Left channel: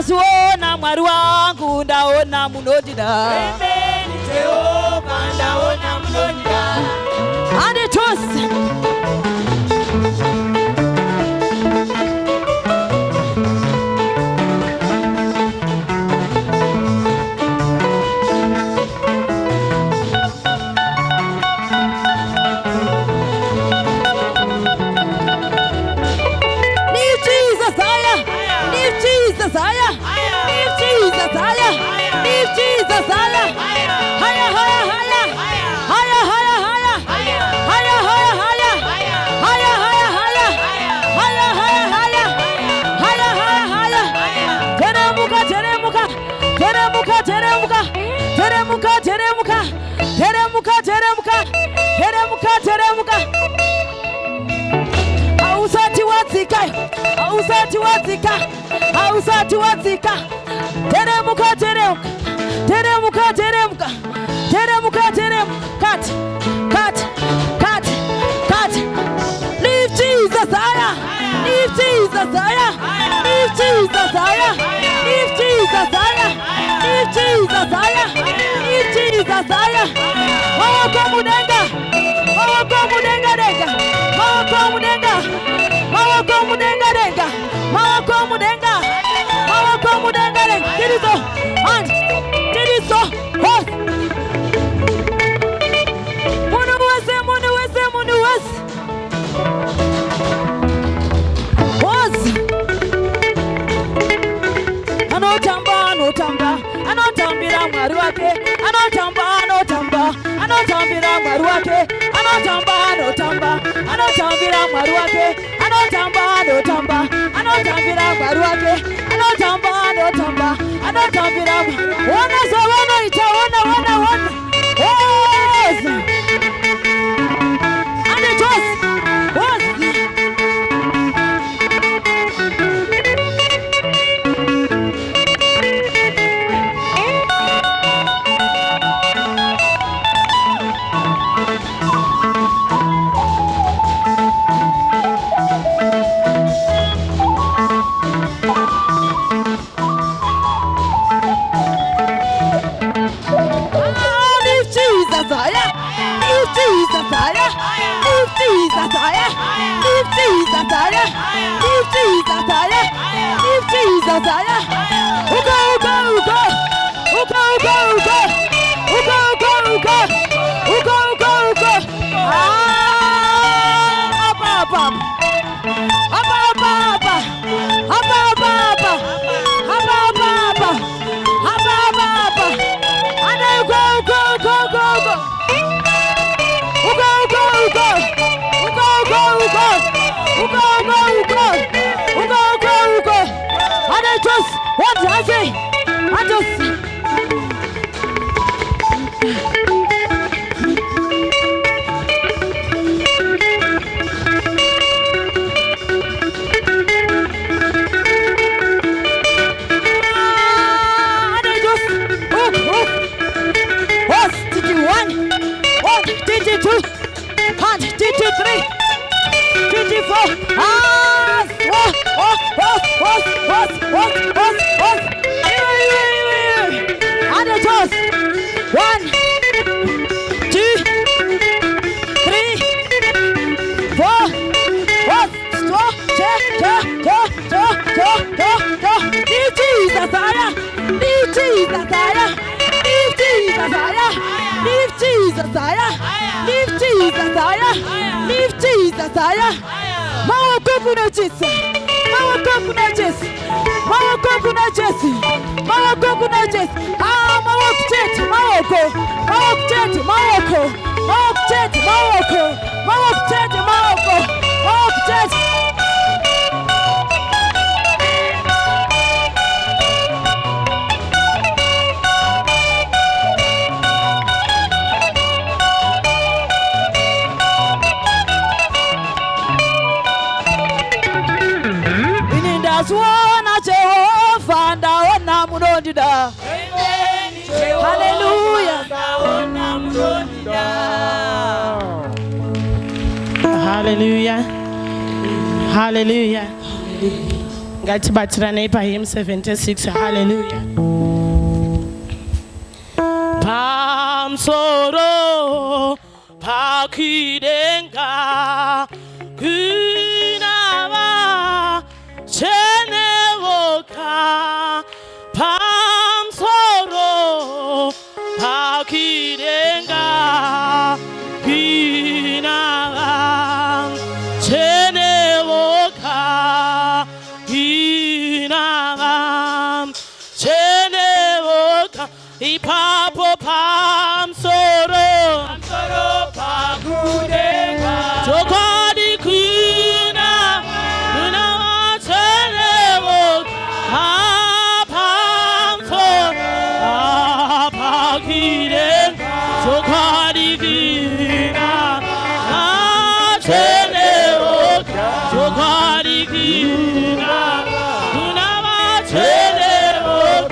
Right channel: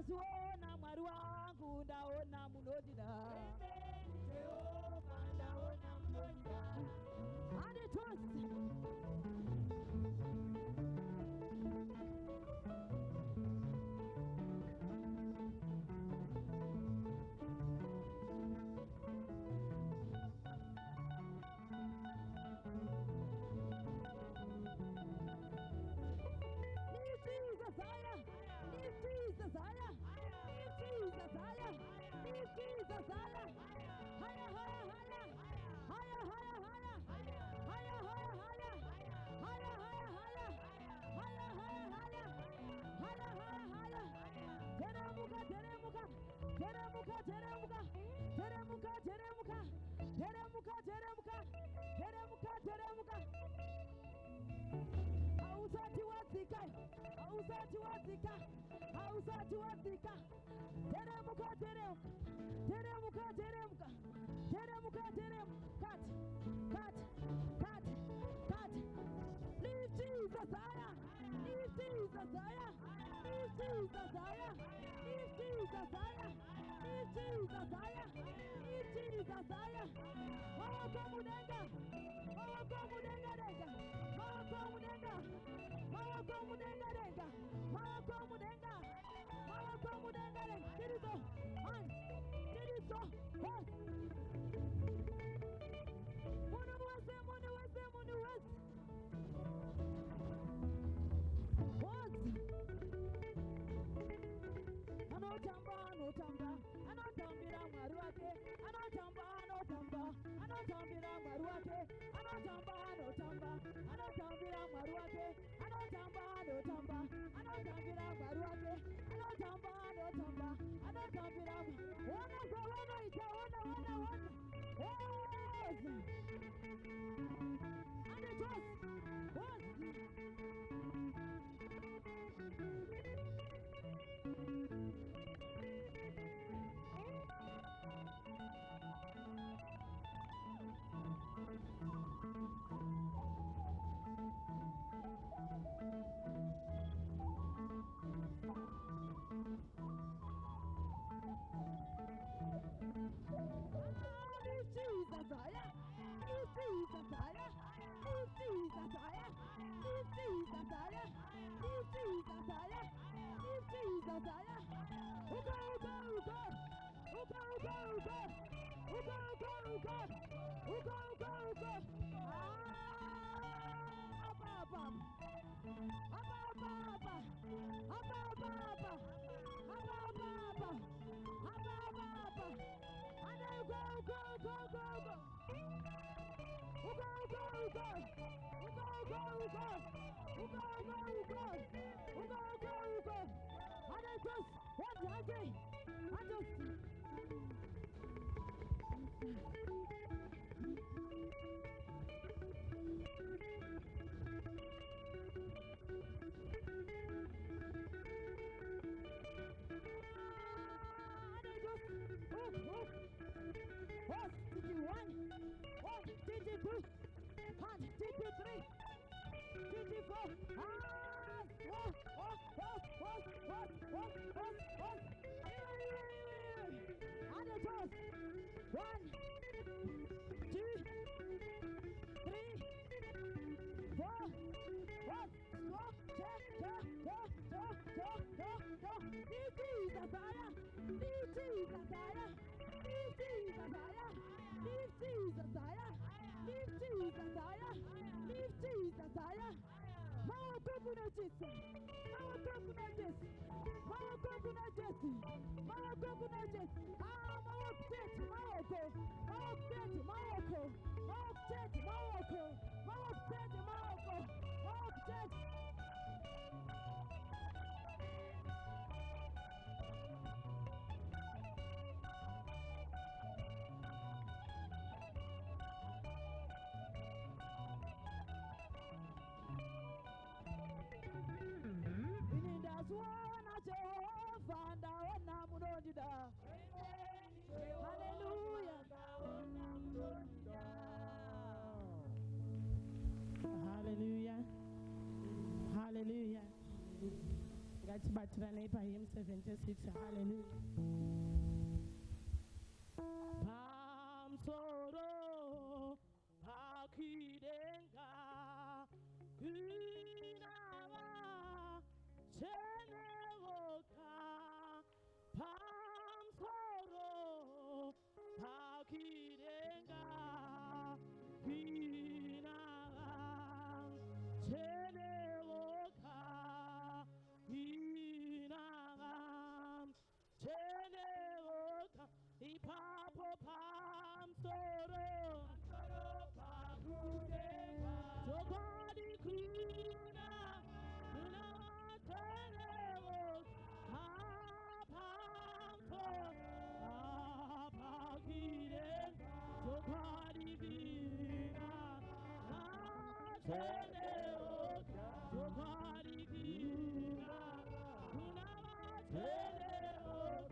ndasuona mwari wangu ndaona munodida. Jehova ndaona munodida. Anditusi Hausati wazika. Teremuka. Cut. Leave Jesus higher. Leave Jesus higher. Leave Jesus higher. Leave Jesus higher. Leave Jesus higher. Leave Jesus higher. Mawako mudenga denga. Mawako mudenga denga. Dirizo. Hos. Munu wese. Hos. Anotambira mwari wake. Anotambira mwari wake. Wana sawana itaona. Yes. And it was. Hallelujah. Hallelujah. Hallelujah. ngathi bathirane ipa hymn 76. Hallelujah. Pamsoro pakidenga kunava chenevoka pamsoro pakidenga kunava chenevoka kunava chenevoka ipapo pamsoro pakudenga Tokadi kuna chenevoka pamsoro pakidenga Tokadi kuna chenevoka Tokadi kuna chenevoka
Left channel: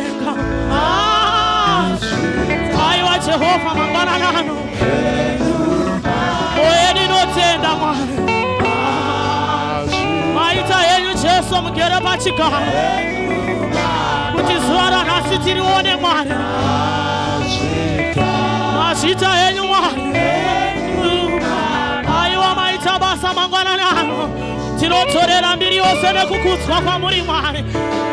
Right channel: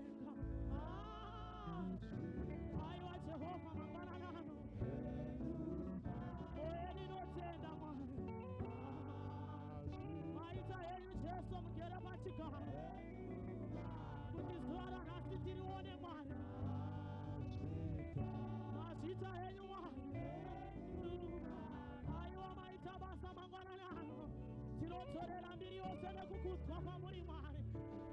kudenga aiwa Jehova mangwana nano oyeni notenda mwari maita yenyu Jesu mugere pachigaro kuti zuva ranhasi tirione mwari mazita yenyu mwari aiwa maita basa mangwana nano tinotorera mbiri yose nekukudzwa kwamuri mwari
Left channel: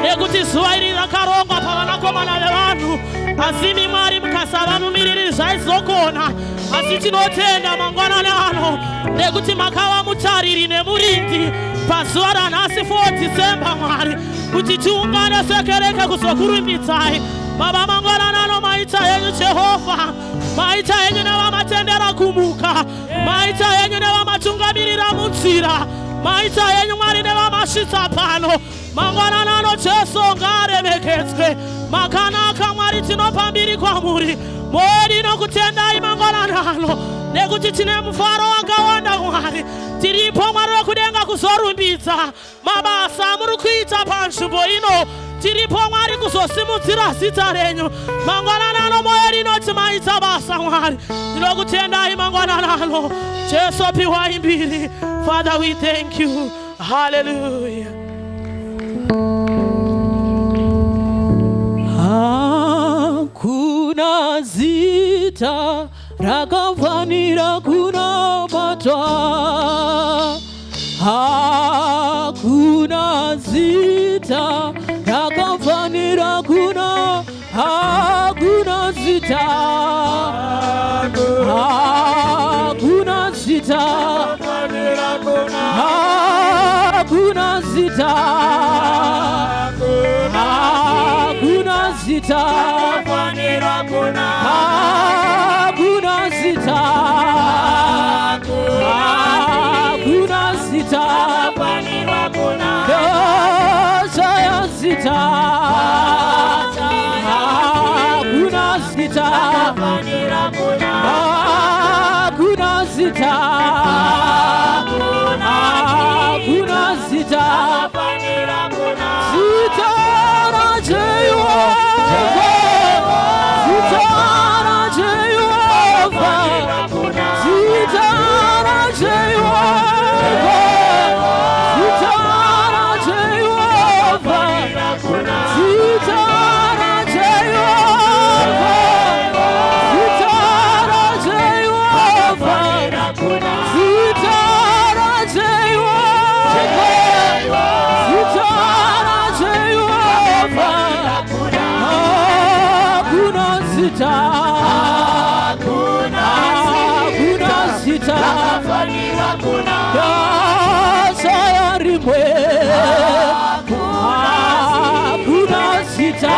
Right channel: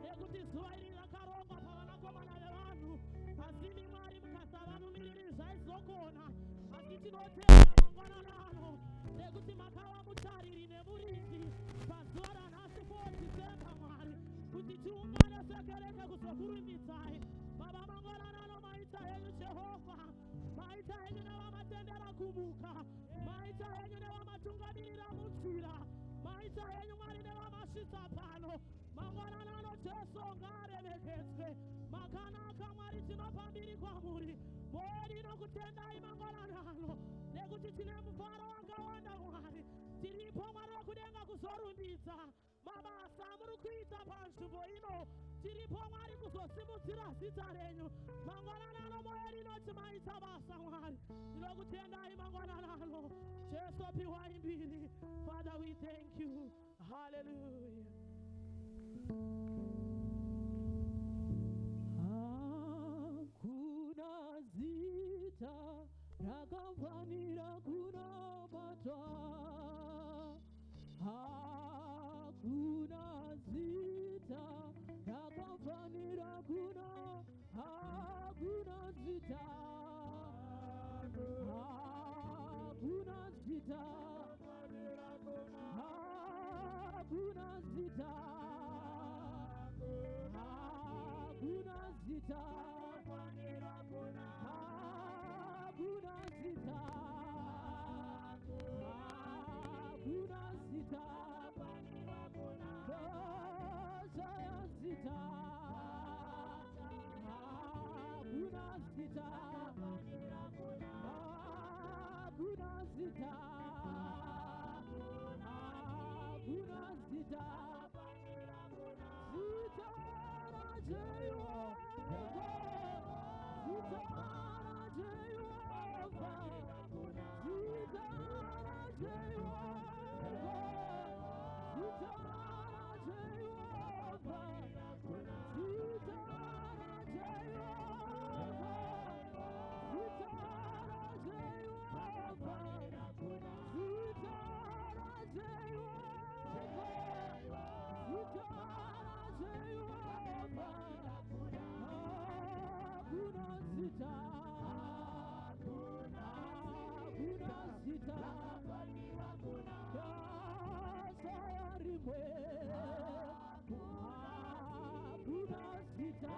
nekuti zuva iri rakarongwa pavanakomana vevanhu asi mwari mukasava mumiriri zvaizokona asi tinotenda mangwanani ano nekuti makava mutariri nemurindi pazuva ranhasi 4 December mwari kuti tiungane sekereke kuzokurumbidzai baba mangwanani ano maita yenyu Jehovha maita yenyu nevamatendera kumuka maita yenyu nevamatungamirira munzira maita yenyu mwari nevamasvitsa pano mangwanani ano Jesu ngaremekedzwe makanaka mwari tinopa mbiri kwamuri mwari nokutendai mangwanani ano nekuti tine mufaro wakawanda mwari tiripo mwari wekudenga kuzorumbidza mabasa muri kuita panzvimbo ino tiripo mwari kuzosimudzira zita renyu mangwanani ano mwari inoti maita basa mwari tinokutendai mangwanani ano Jesu piwai mbiri. Father, we thank you. Hallelujah. Hakuna zita rakafanira kunapatwa, hakuna zita rakafanira kuna, hakuna zita, hakuna zita, hakuna zita, hakuna zita, hakuna zita, hakuna zita, Saya zita, hakuna zita, hakuna zita, hakuna zita, zita na Jehova, zita na Jehova, zita na Jehova, zita na Jehova, zita na Jehova, zita na Jehova, zita na Jehova, zita na Jehova, hakuna zita, hakuna zita, saya rimwe, hakuna zita,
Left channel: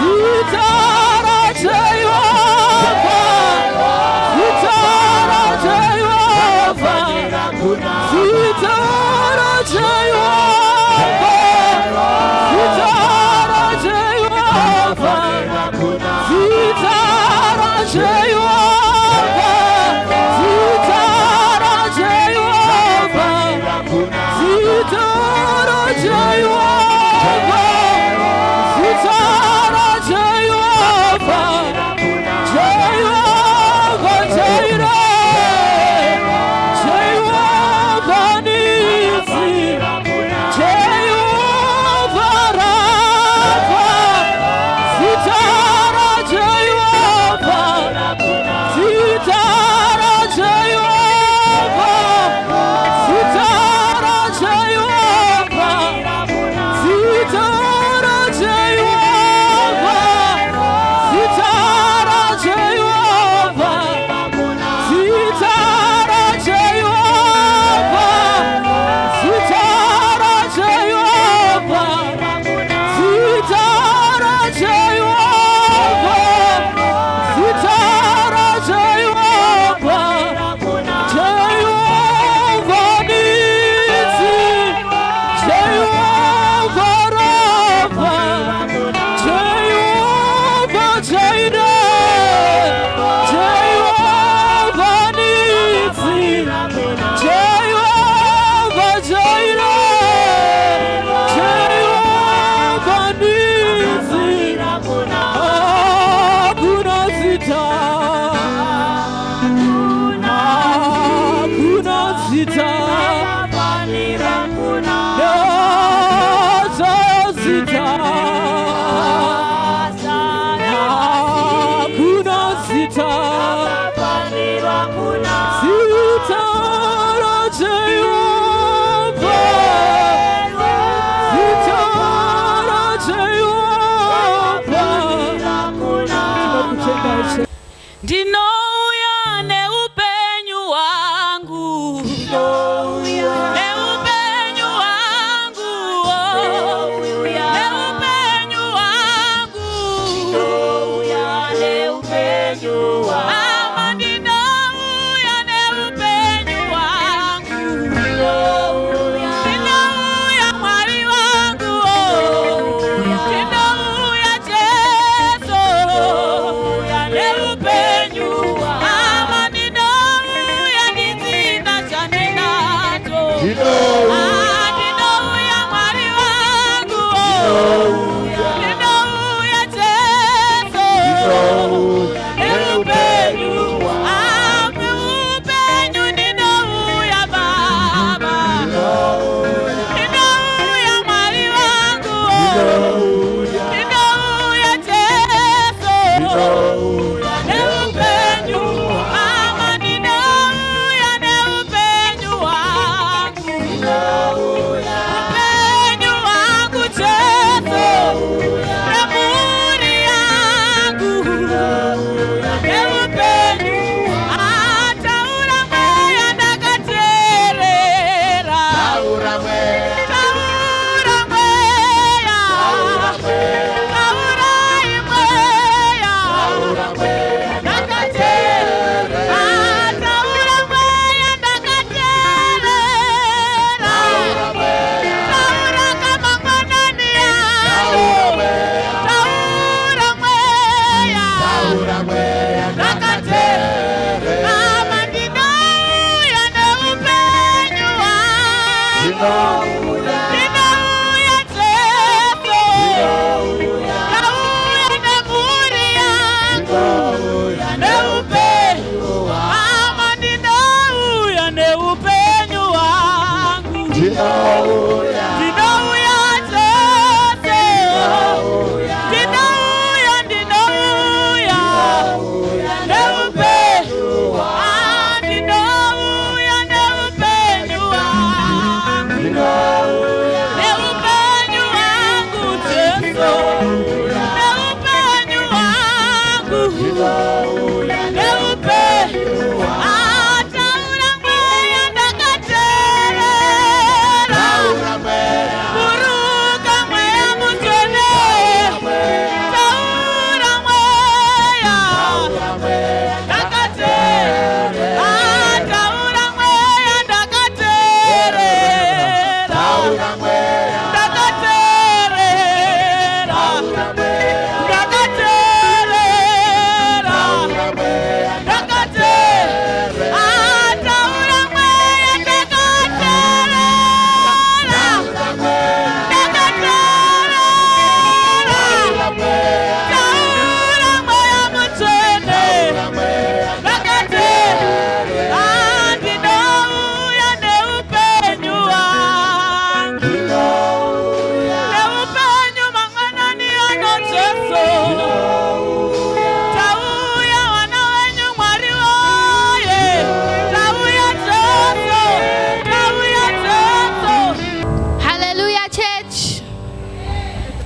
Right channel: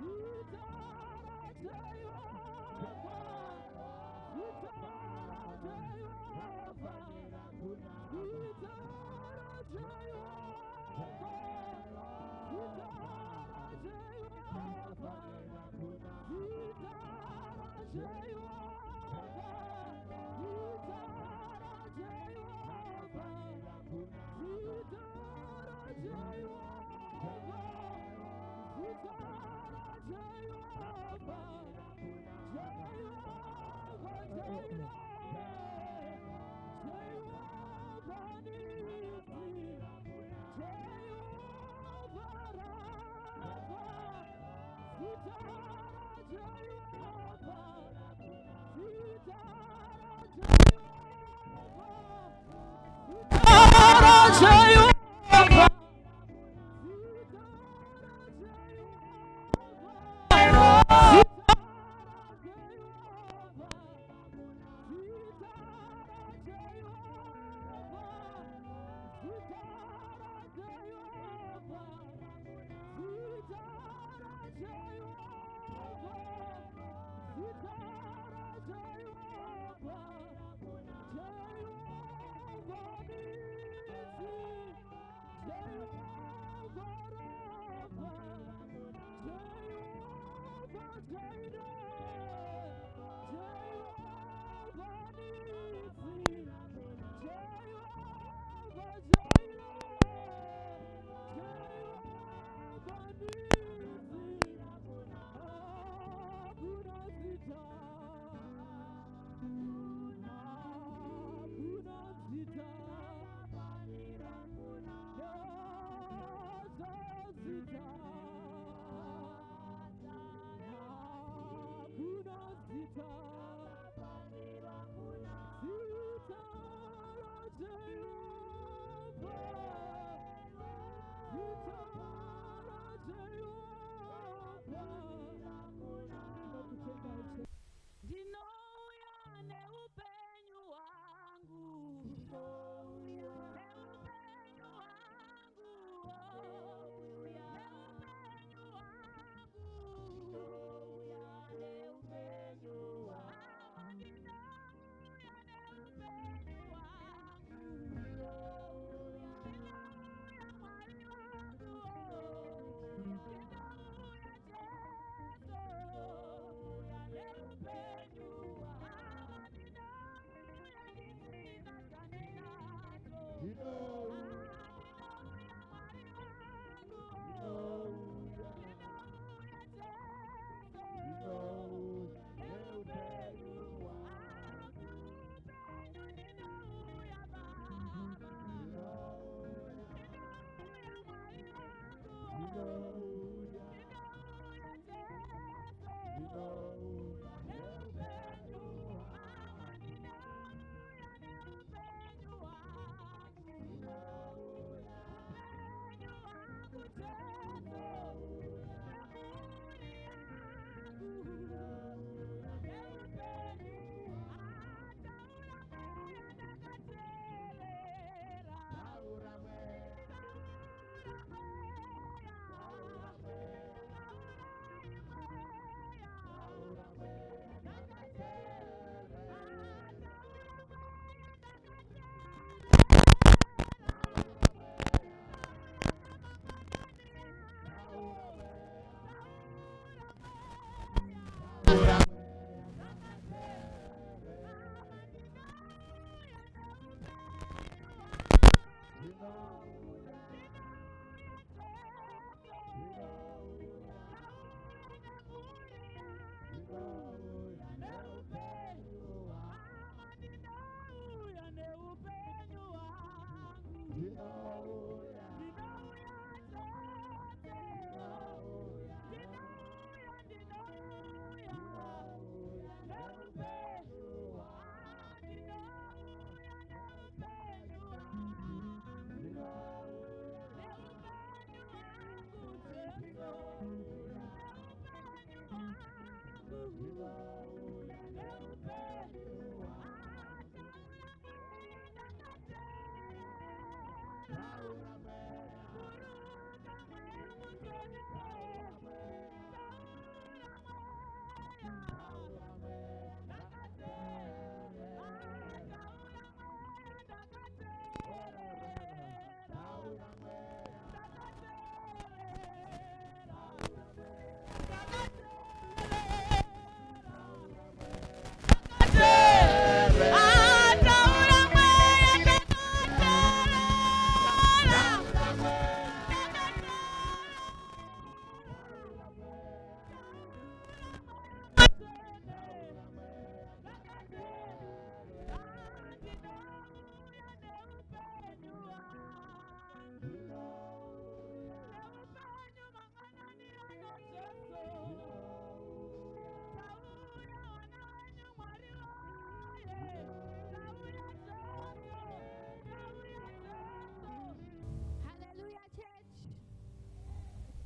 zita na Jehova, zita na Jehova, zita na Jehova, zita na Jehova, zita na Jehova, zita na Jehova, zita na Jehova, zita na Jehova, Jehova Jireh, Jehova Nisi, Jehova Rafa, zita na Jehova, zita na Jehova, zita na Jehova, zita na Jehova, zita na Jehova, zita na Jehova, zita na Jehova, zita na Jehova, zita na Jehova, Jehova Nisi, Jehova Rafa, Jehova Jireh, Jehova Nisi, Jehova Jireh, Jehova Nisi,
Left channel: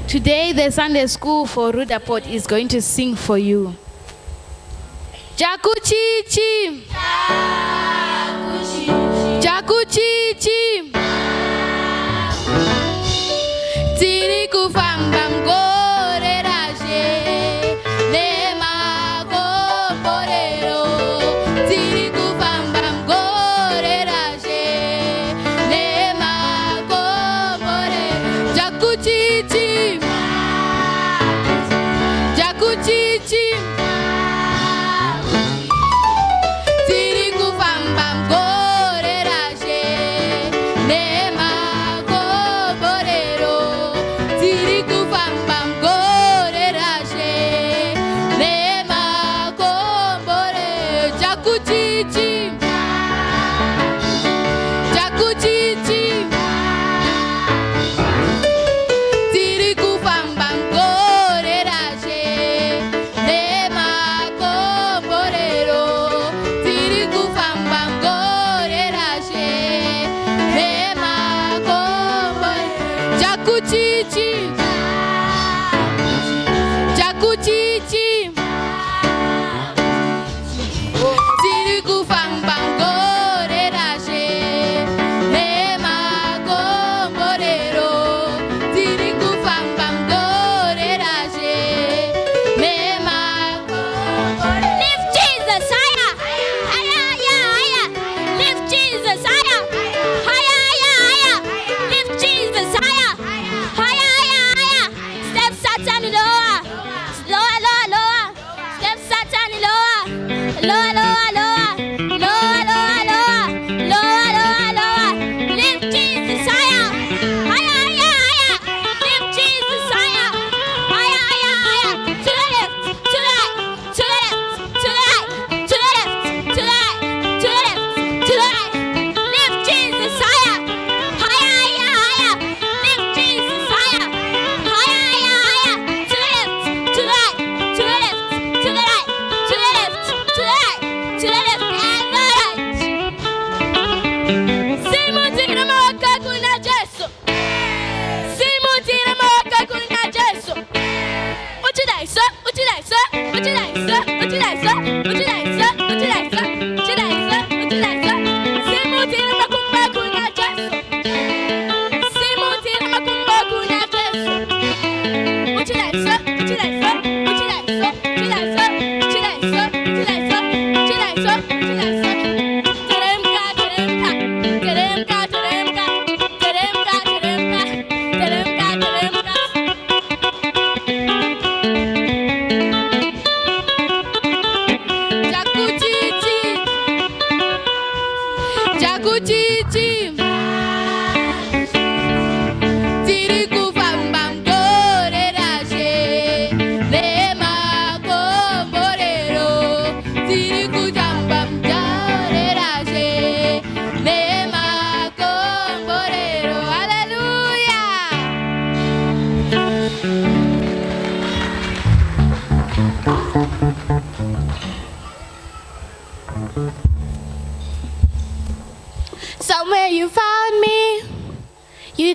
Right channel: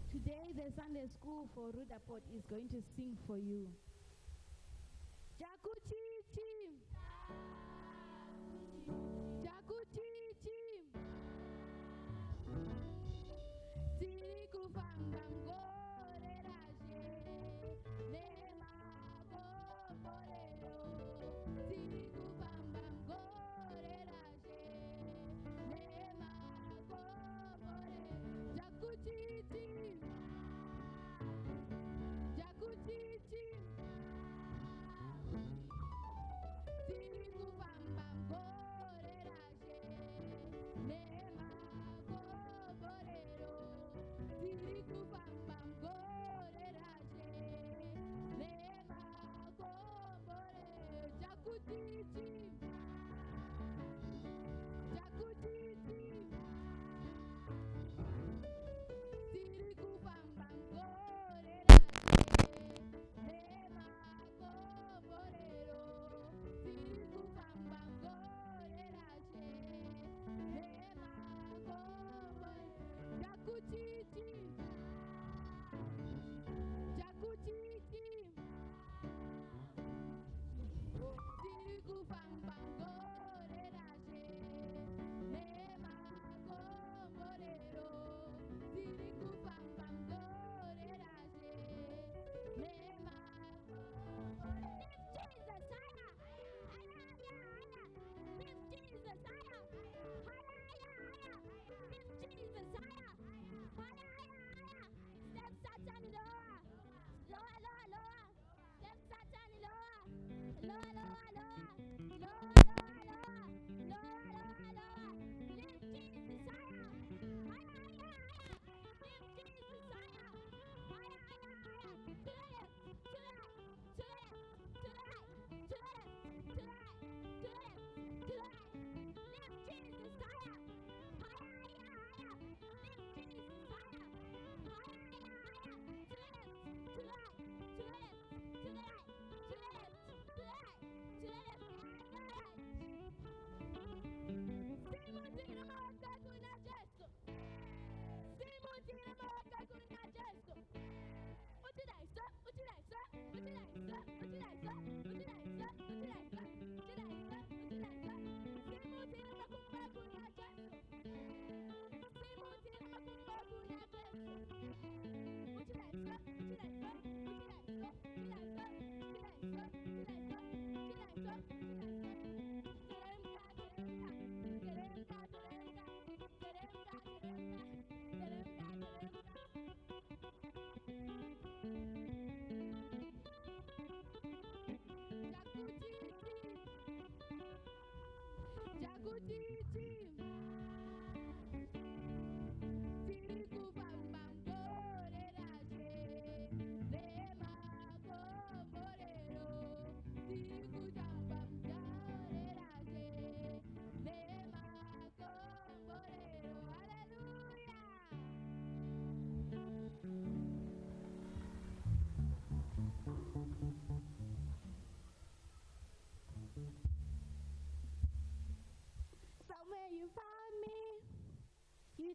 Today, the Sunday school for Rudaport is going to sing for you. Jakuchichi, Jakuchichi, Tiri kufamba mgore raje, nema goporero. Tiri kufamba mgore raje, nema goporero. Jakuchichi, Jakuchichi, Tiri kufamba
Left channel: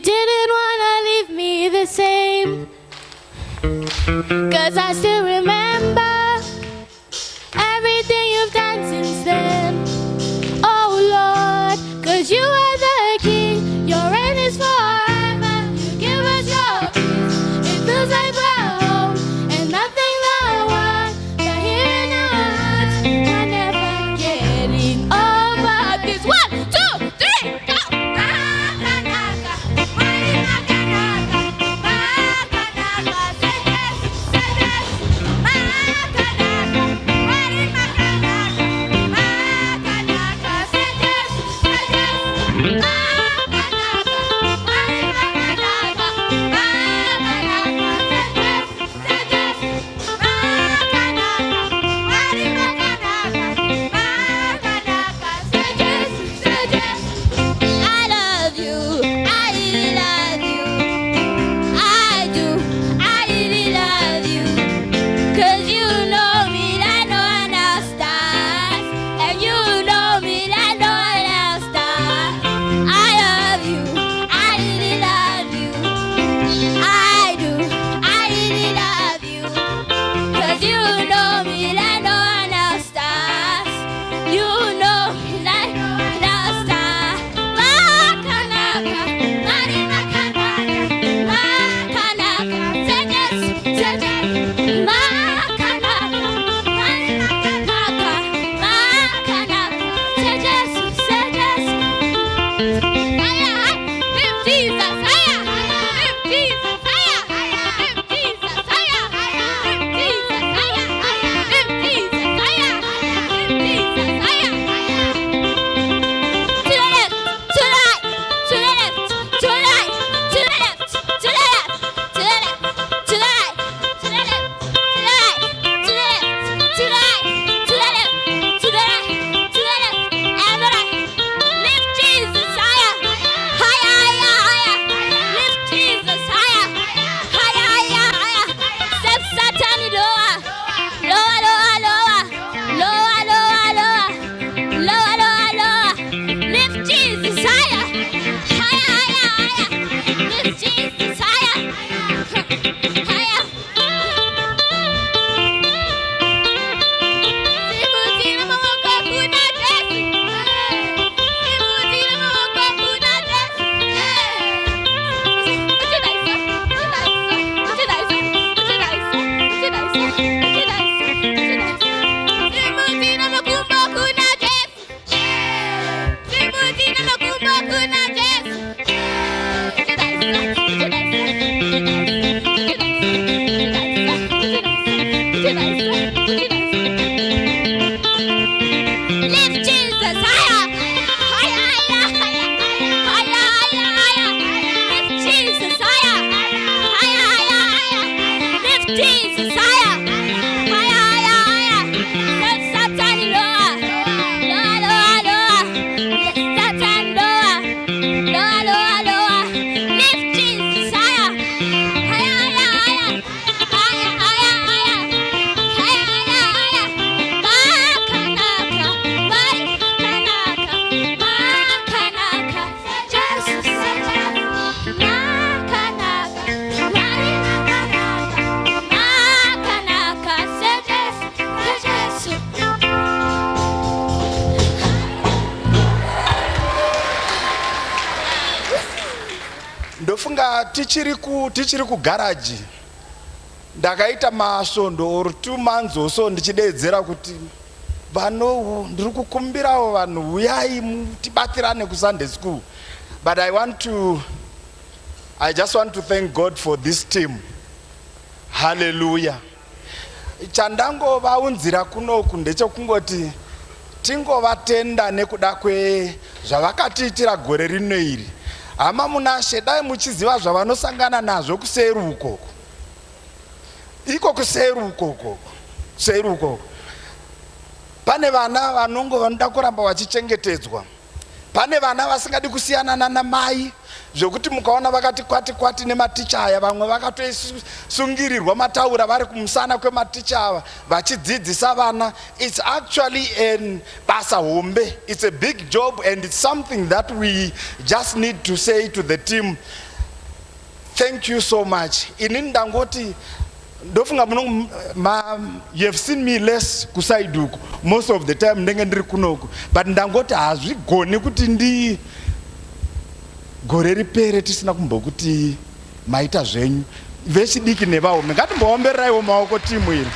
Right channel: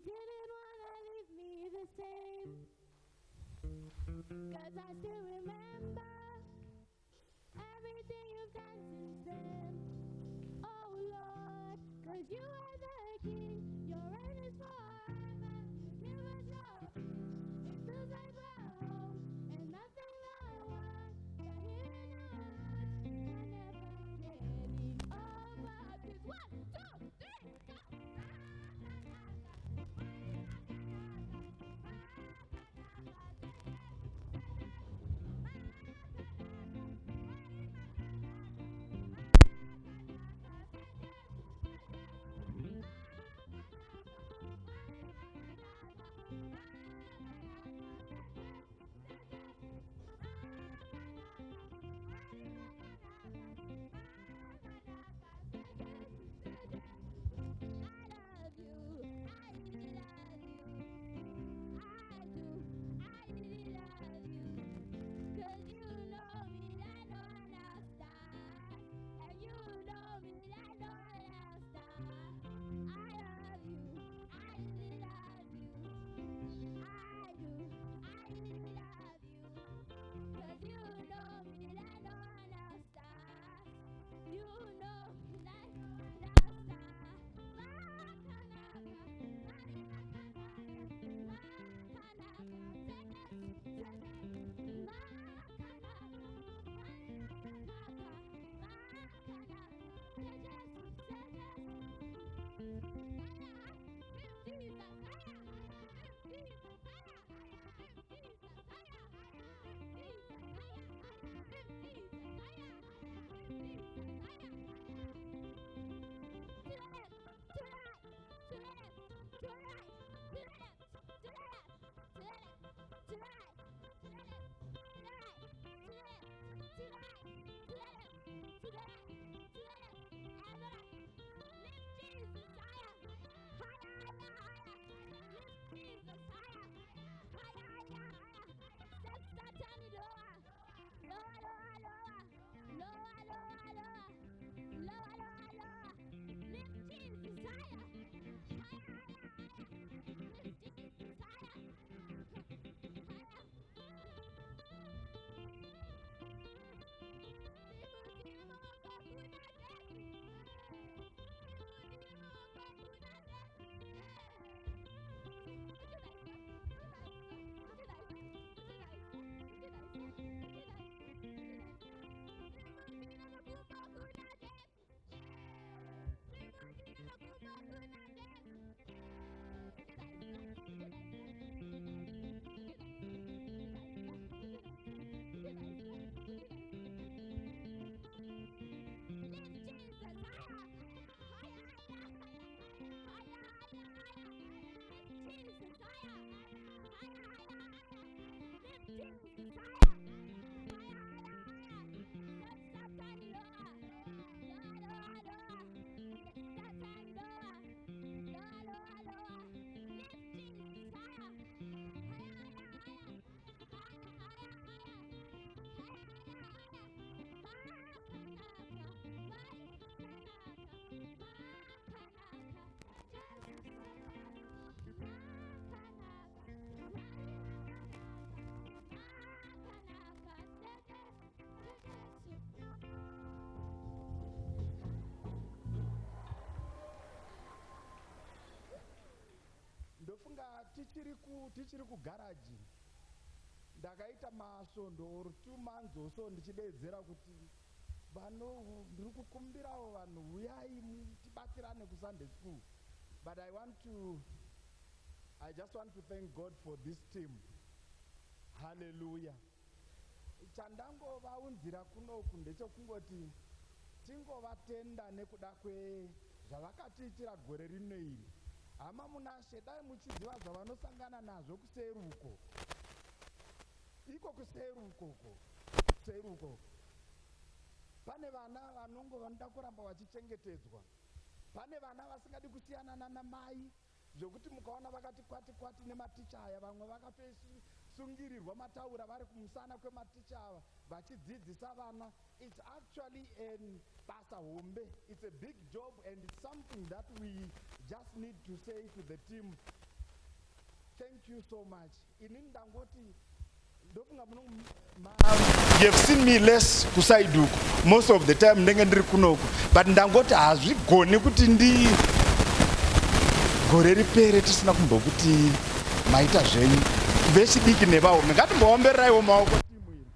didn't wanna leave me the same, 'cause I still remember everything you've done since then. Oh Lord, 'cause you are the King, your reign is forever. You give us your peace, it feels like we're home, and nothing I want, but here in our hearts, we're never getting over this. 1, 2, 3, go! Ndofunga tichiri ku garage ndakaita masvondo or 2 months or so ndichidedzera kuti vano ndiri kukumbirawo vanhu uyai tibatirane ku Sunday school, but I just want to thank God for this team. Hallelujah. Chandangovaunzira kunoku ndechekungoti tingovatenda nekuda zvavakatiitira gore rino iri. Hama munashe dai muchiziva zvavanosangana nazvo kuseru ukoko. Iko kuseru ukoko. Seru ukoko. Pane vana vanongo vanoda kuramba vachichengetedzwa. Pane vana vasingadi kusiyana namai, zvokuti mukaona vakati kwati nematicha aya, vamwe vakatosungirirwa mataura vari kumusana kwematicha ava vachidzidzisa vana. It's actually a basa hombe. It's a big job, and it's something that we just need to say to the team, thank you so much. Inini ndangoti ndofunga you have seen me less kusaiduku most of the time ndenge ndiri kunoku, but ndangoti hazvigoni kuti ndi gore ripere tisina kumbokuti maita zvenyu vechidiki nevaome. Ngatimboombereraiwo maoko timu iri.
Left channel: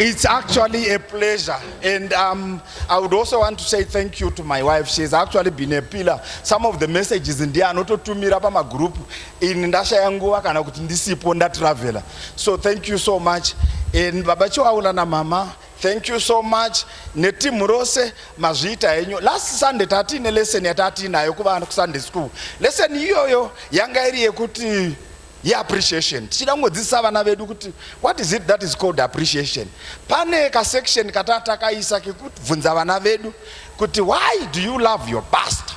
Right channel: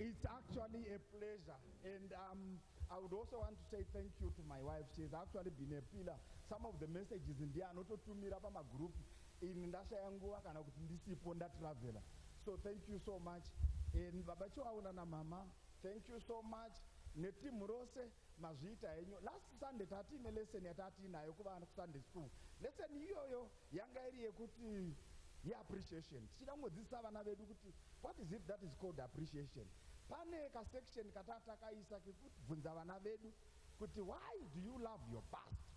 It's actually a pleasure, and I would also want to say thank you to my wife. She's actually been a pillar. Some of the messages in there anototumira pa magroup in ndashaya nguva kana kuti ndisipo ndatravela. So thank you so much. And baba Chiwaula na mama, thank you so much. Netimu rose mazviita henyu. Last Sunday tatine lesson yatinayo kuvana ku Sunday school. Lesson iyoyo yanga iri yekuti appreciation. Tichidangodzidzisa vana vedu kuti what is it that is called appreciation. Pane ka section katakaisa kekubvunza vana vedu kuti why do you love your past?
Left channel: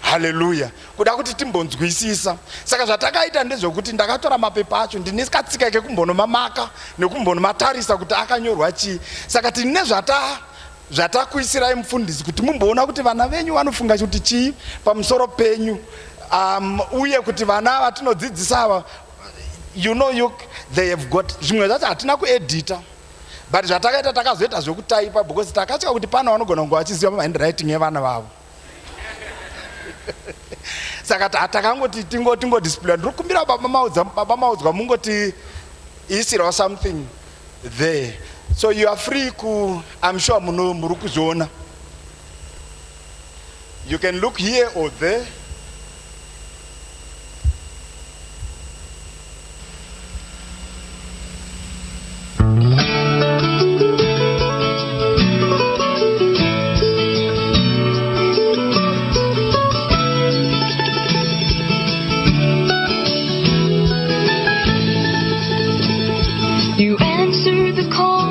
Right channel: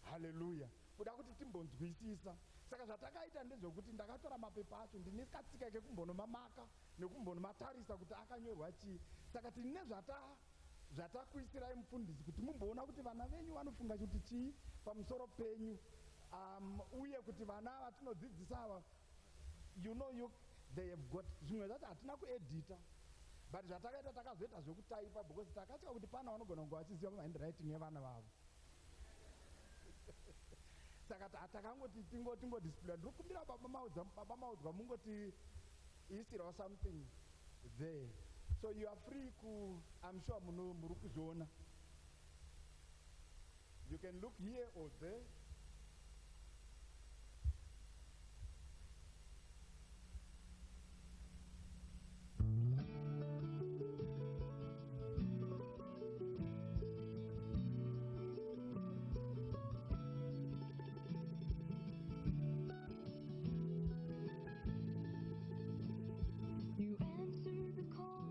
Hallelujah. Kuda kuti timbonzwisisa. Saka zvatakaita ndezvokuti ndakatora mapepa acho ndinikatsika kekumbonomamaka nekumbonomatarisa kuti akanyorwa chii. Saka tine zvatakuisirai mufundisi kuti mumboona kuti vana venyu vanofunga kuti chii pamusoro penyu. Uye kuti vana vatinodzidzisa they have got zvimwe zvacho hatina kuedita, but zvatakaita takazoita zvokutaipa because takatya kuti pana vanogona kunge vachiziva handwriting yevana vavo. Saka takangoti tingo display. Ndiri kumbira baba maudzwa mungoti isirawo something there, so you are free I'm sure muri kuzviona. You can look here or there. You answered the call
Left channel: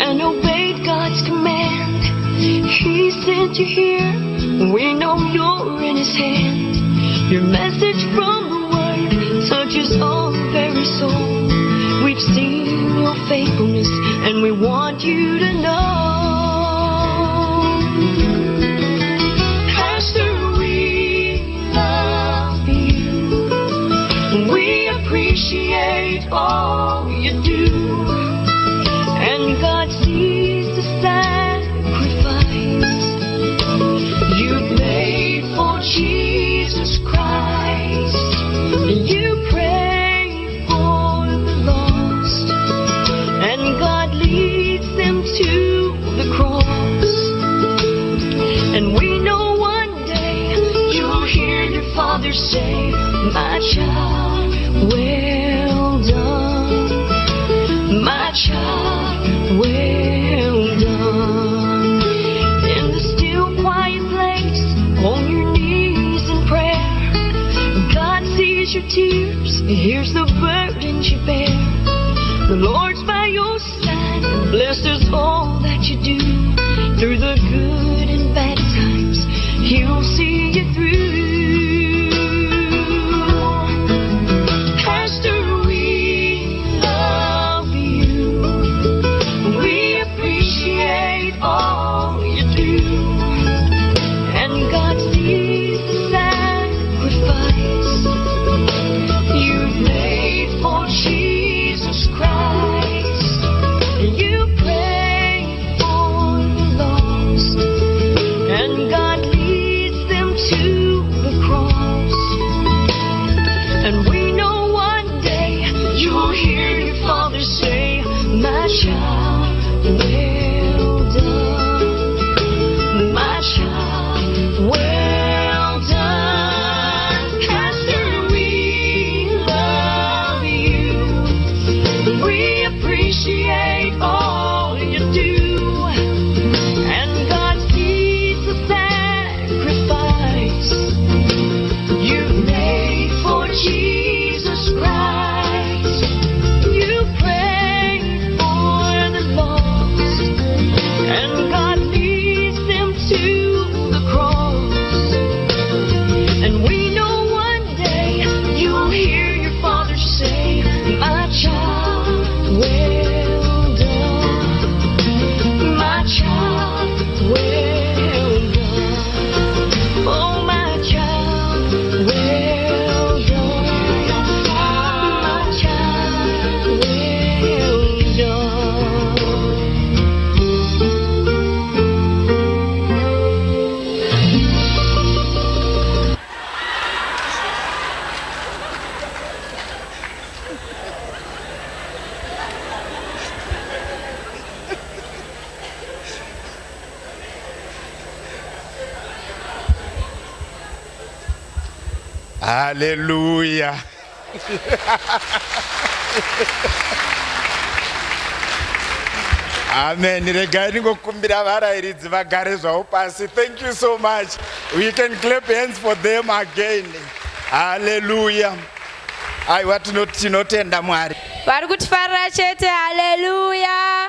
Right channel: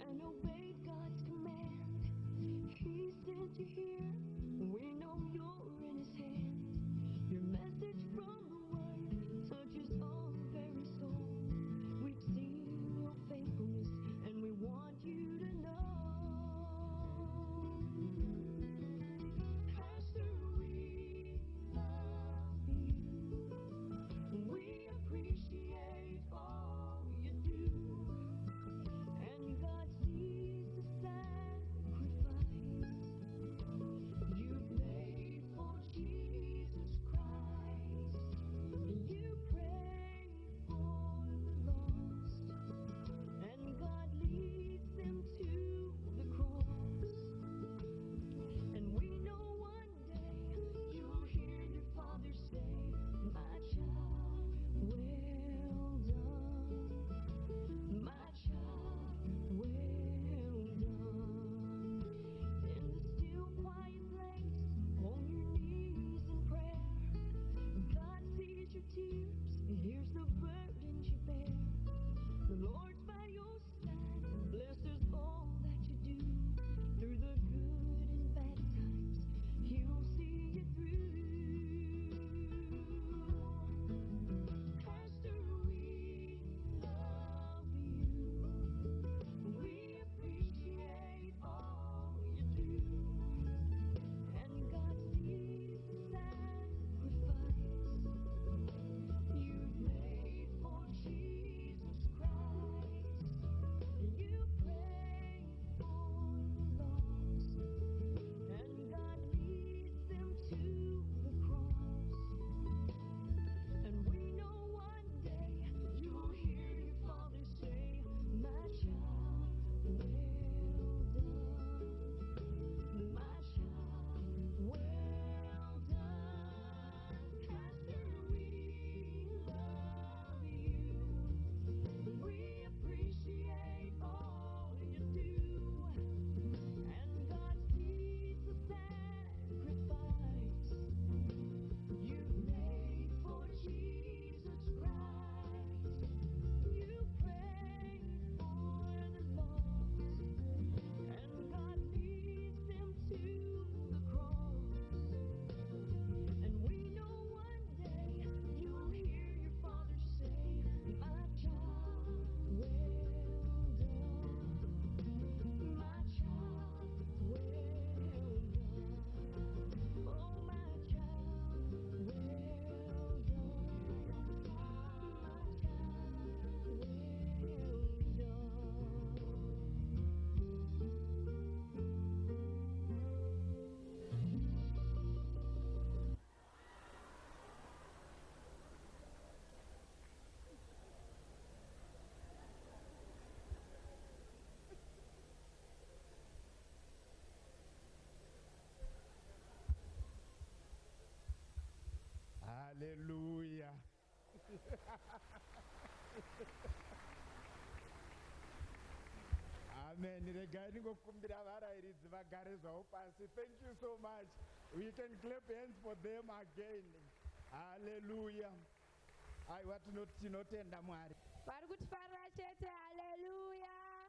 and obeyed God's command. He sent you here, we know you're in His hand. Your message from the Word touches our very soul. We've seen your faithfulness and we want you to know. Pastor, we love you. We appreciate all you do. And God sees the sacrifice you've made for Jesus Christ. You pray for the lost, and God leads them to the cross. And we know one day you'll hear your Father say, my child, well done. My child, well done. In the still quiet place, on your knees in prayer, God sees your tears, He hears the burdens you bear. The Lord's by your side, blessed is all that you do. Through the good and bad times, He'll see you through. Pastor, we love you. We appreciate all you do. And God sees the sacrifice you've made for Jesus Christ. You pray for the lost, and God leads them to the cross. And we know one day you'll hear your Father say, my child, well done. My child, well done. Pastor, we love you. We appreciate all you do. And God sees the sacrifice you've made for Jesus Christ. You pray for the lost, and God leads them to the cross. And we know one day you'll hear your Father say, my child, well done. My child, well done. Hallelujah. Amen. Regai ningokumbira varairidzi vagare zvavo pasi. Thank you so much. We can clap hands for them again. Hallelujah. Aiwa tinotenda Mwari. Vari kutifarira chete. Hallelujah.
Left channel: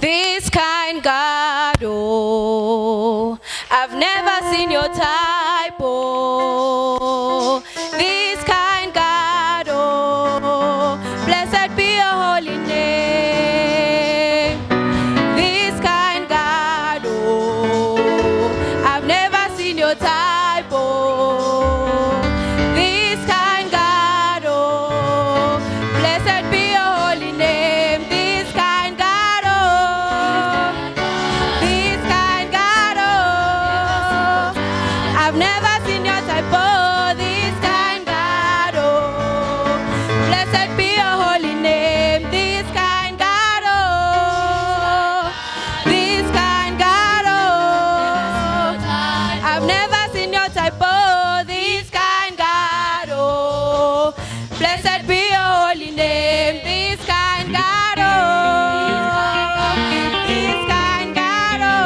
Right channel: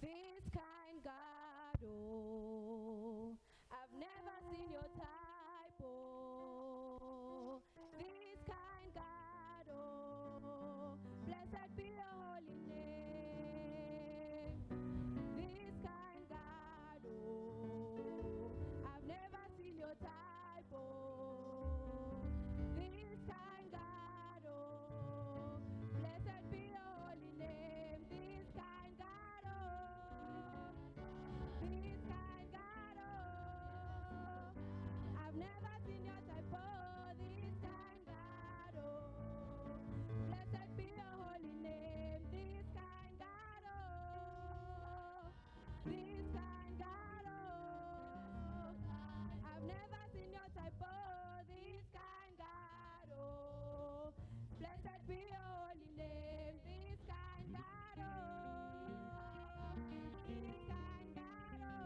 This kind God, oh, I've never seen your type, oh. This kind God, oh, blessed be your holy name. This kind God, oh, I've never seen your type, oh. This kind God, oh, blessed be your holy name. This kind God, oh, this kind God, oh, I've never seen your type, oh. This kind God, oh, blessed be your holy name. This kind God, oh, this kind God, oh, I've never seen your type, oh. This kind God, oh, blessed be your holy name. This kind God, oh, this kind God, oh,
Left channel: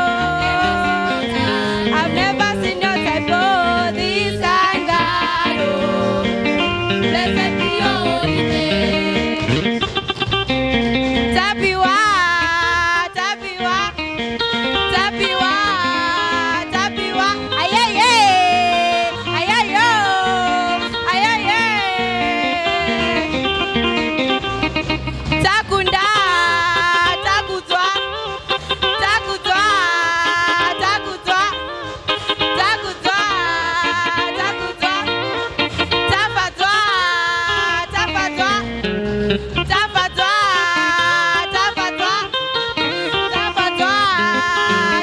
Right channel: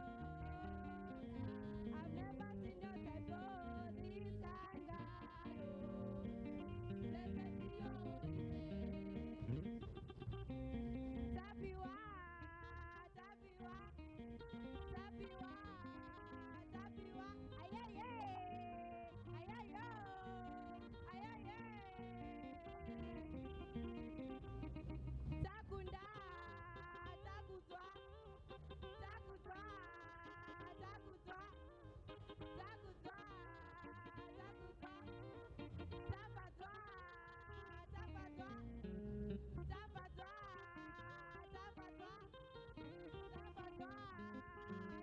I've never seen your type, oh. This kind God, oh, blessed be your holy name. Tapiwa, tapiwa, tapiwa, tapiwa, ayaye, ayayo, ayaye. Takunda, takutwa, takutwa, takutwa, takutwa, takutwa, tafatwa, tafatwa, tafatwa, tafatwa, tafatwa,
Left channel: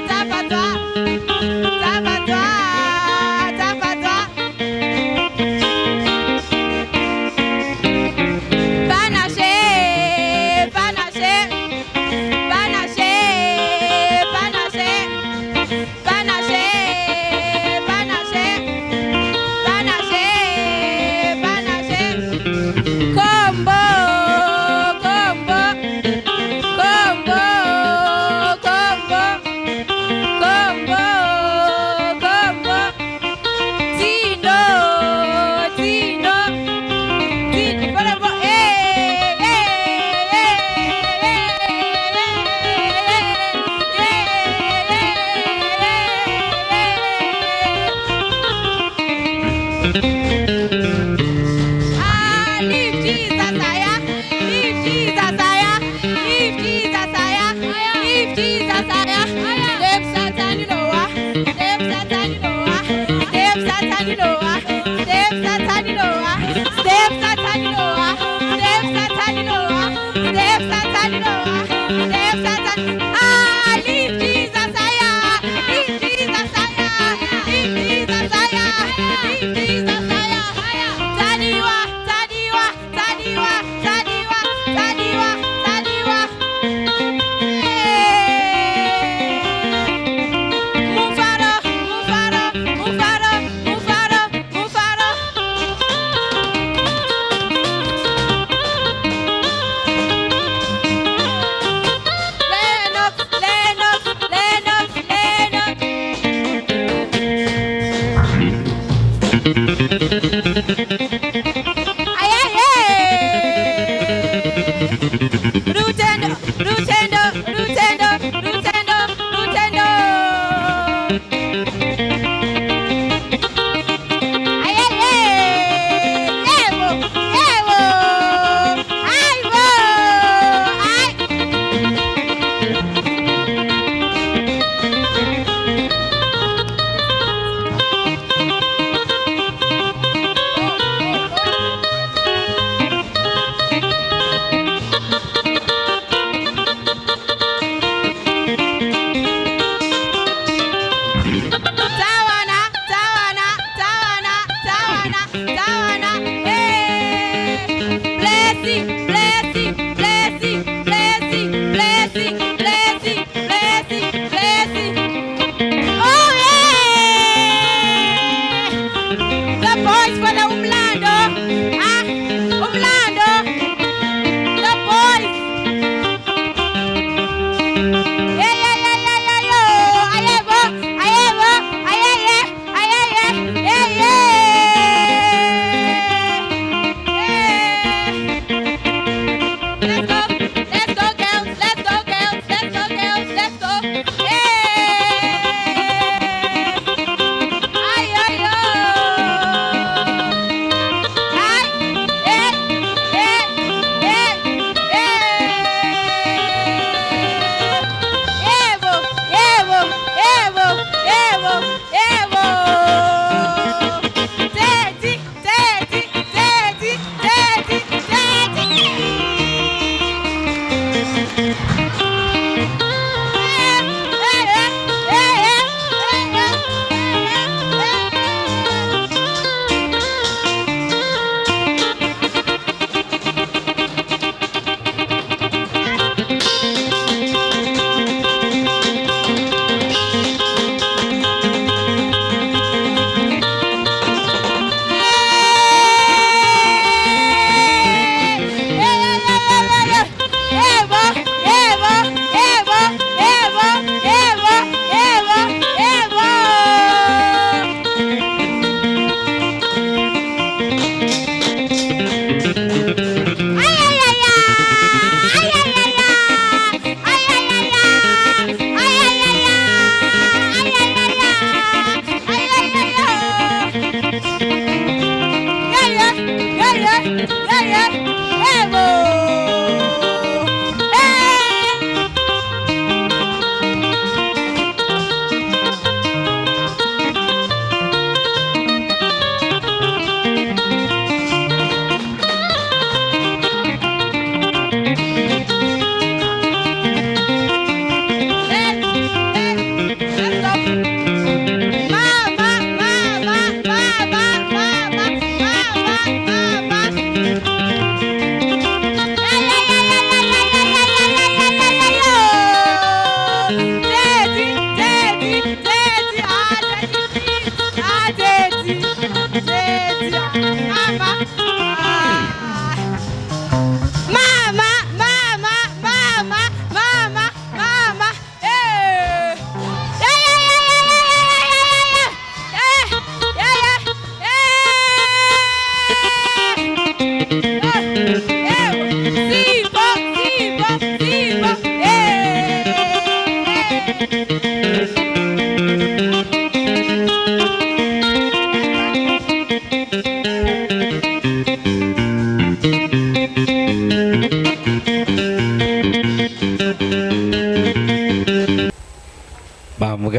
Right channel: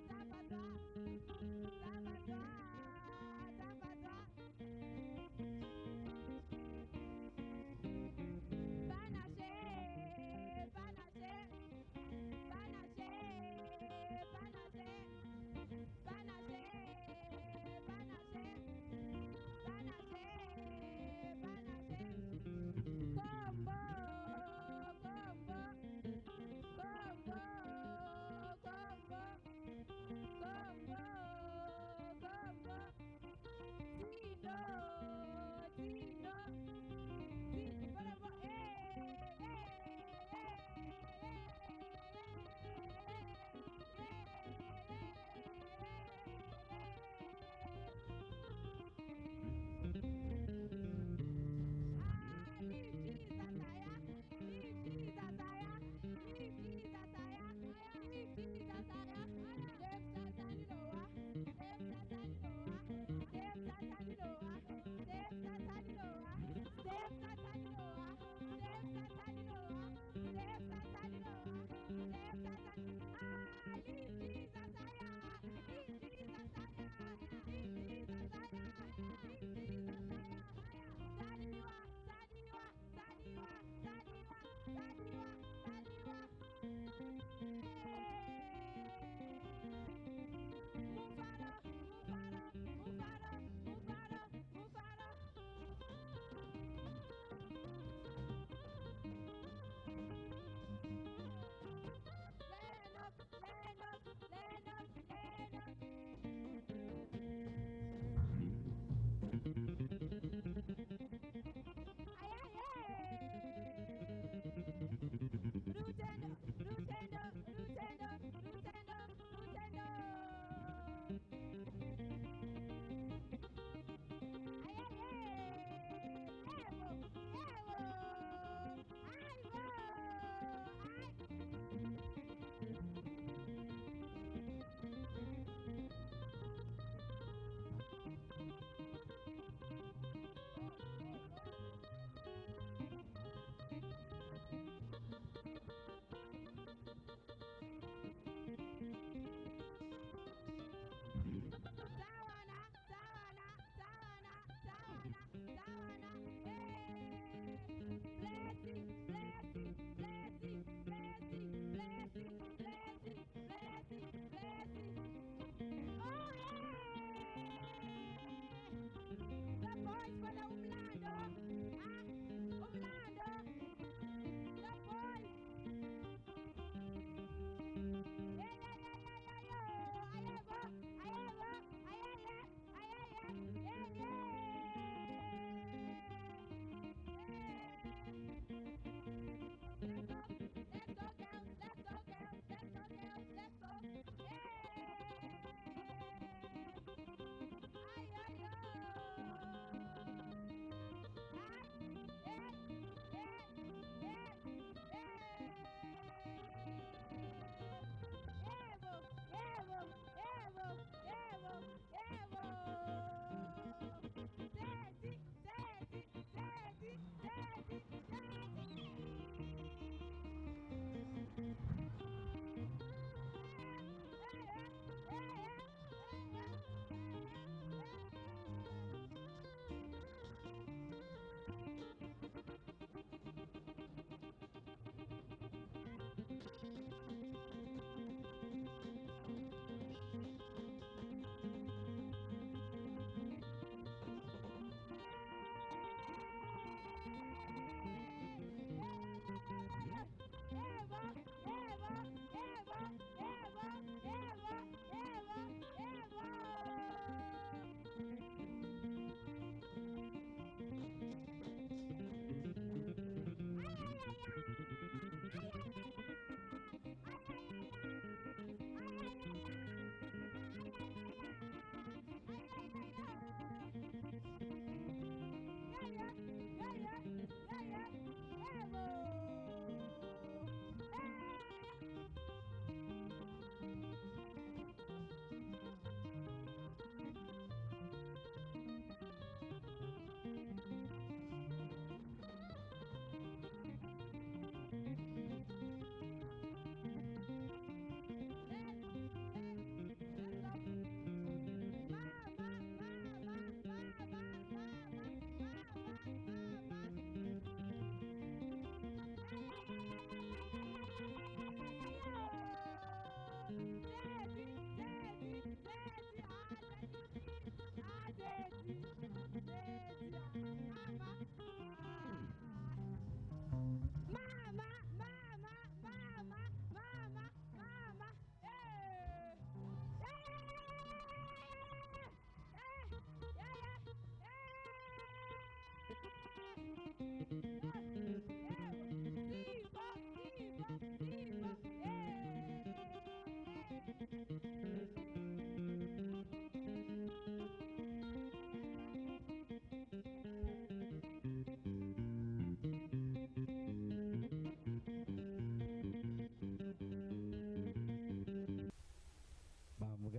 tafatwa, tafatwa, tafatwa. Panache, panache, panache, panache, panache, panache, panache, panache. Combo, combo, combo, combo, combo, combo. Tino, Tino, Tino, forever, Ah, leave Jesus higher, leave Jesus higher, leave Jesus higher, leave Jesus higher. Step Satan, you know what? Step Satan, you know what? Step Satan, you know what? Step Satan, you know what? Step Satan, you know what? Step Satan, you know what? Step Satan, you know what? Step Satan. Ah, leave Jesus higher, leave Jesus higher, leave Jesus higher, leave Jesus higher.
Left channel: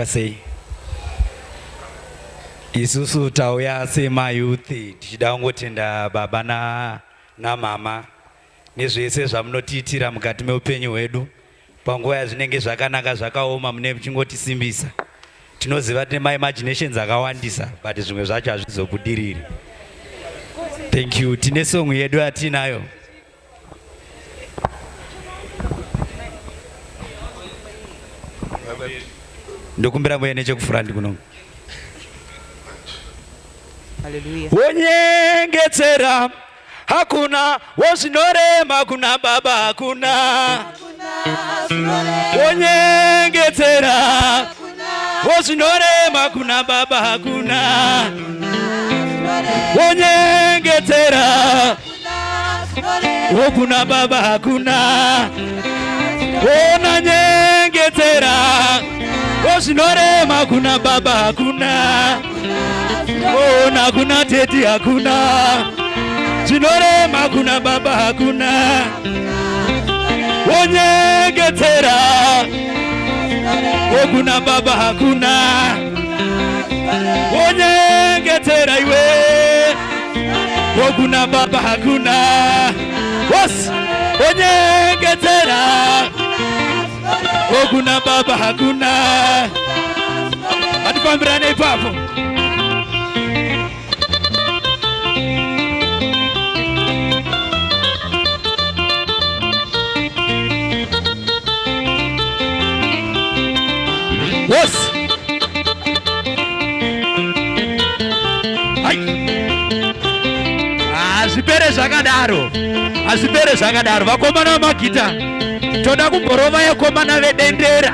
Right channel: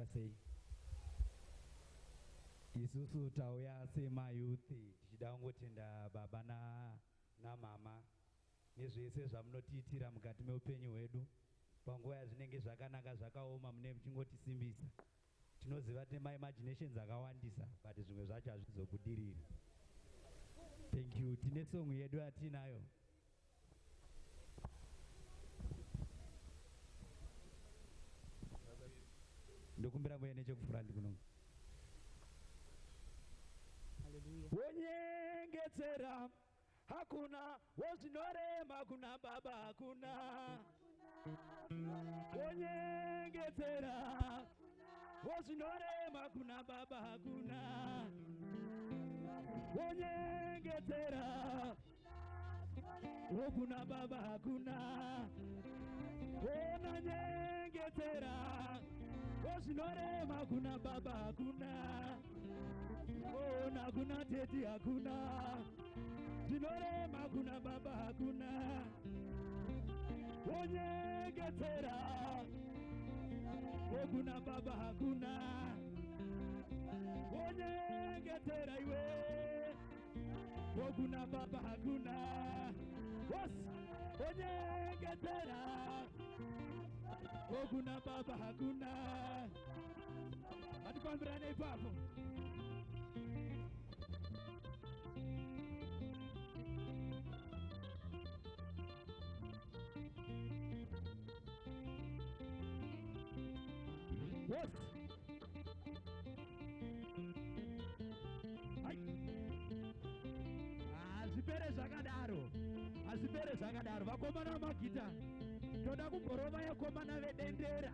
makamira sei? Isusu tauya semayuthi tichida kungotenda baba namama nezvese zvamunotiitira mukati meupenyu hwedu panguva yazvinenge zvakanaka zvakaoma mune muchingotisimbisa. Tinoziva tine maimaginations akawandisa but zvimwe zvacho hazvizobudiriri. Thank you. Tine song yedu yatinayo. Ndokumbira mwe nechekufurandi kuno. Hallelujah. Wonyengetera hakuna, wozvinorema kuna baba hakuna. Wonyengetera wozvinorema kuna baba hakuna. Wonyengetera wokuna baba hakuna. Wona nyengetera wozvinorema kuna baba hakuna. Wona kuna teti hakuna. Zvinorema kuna baba hakuna. Wonyengetera wokuna baba hakuna. Wonyengetera iwe wokuna baba hakuna. Was wonyengetera wokuna baba hakuna. Atipambirane ipapo. Yes. Azvipere zvakadaro. Azvipere zvakadaro. Vakomana vamagita. Toda kumborova yakomana vedendera.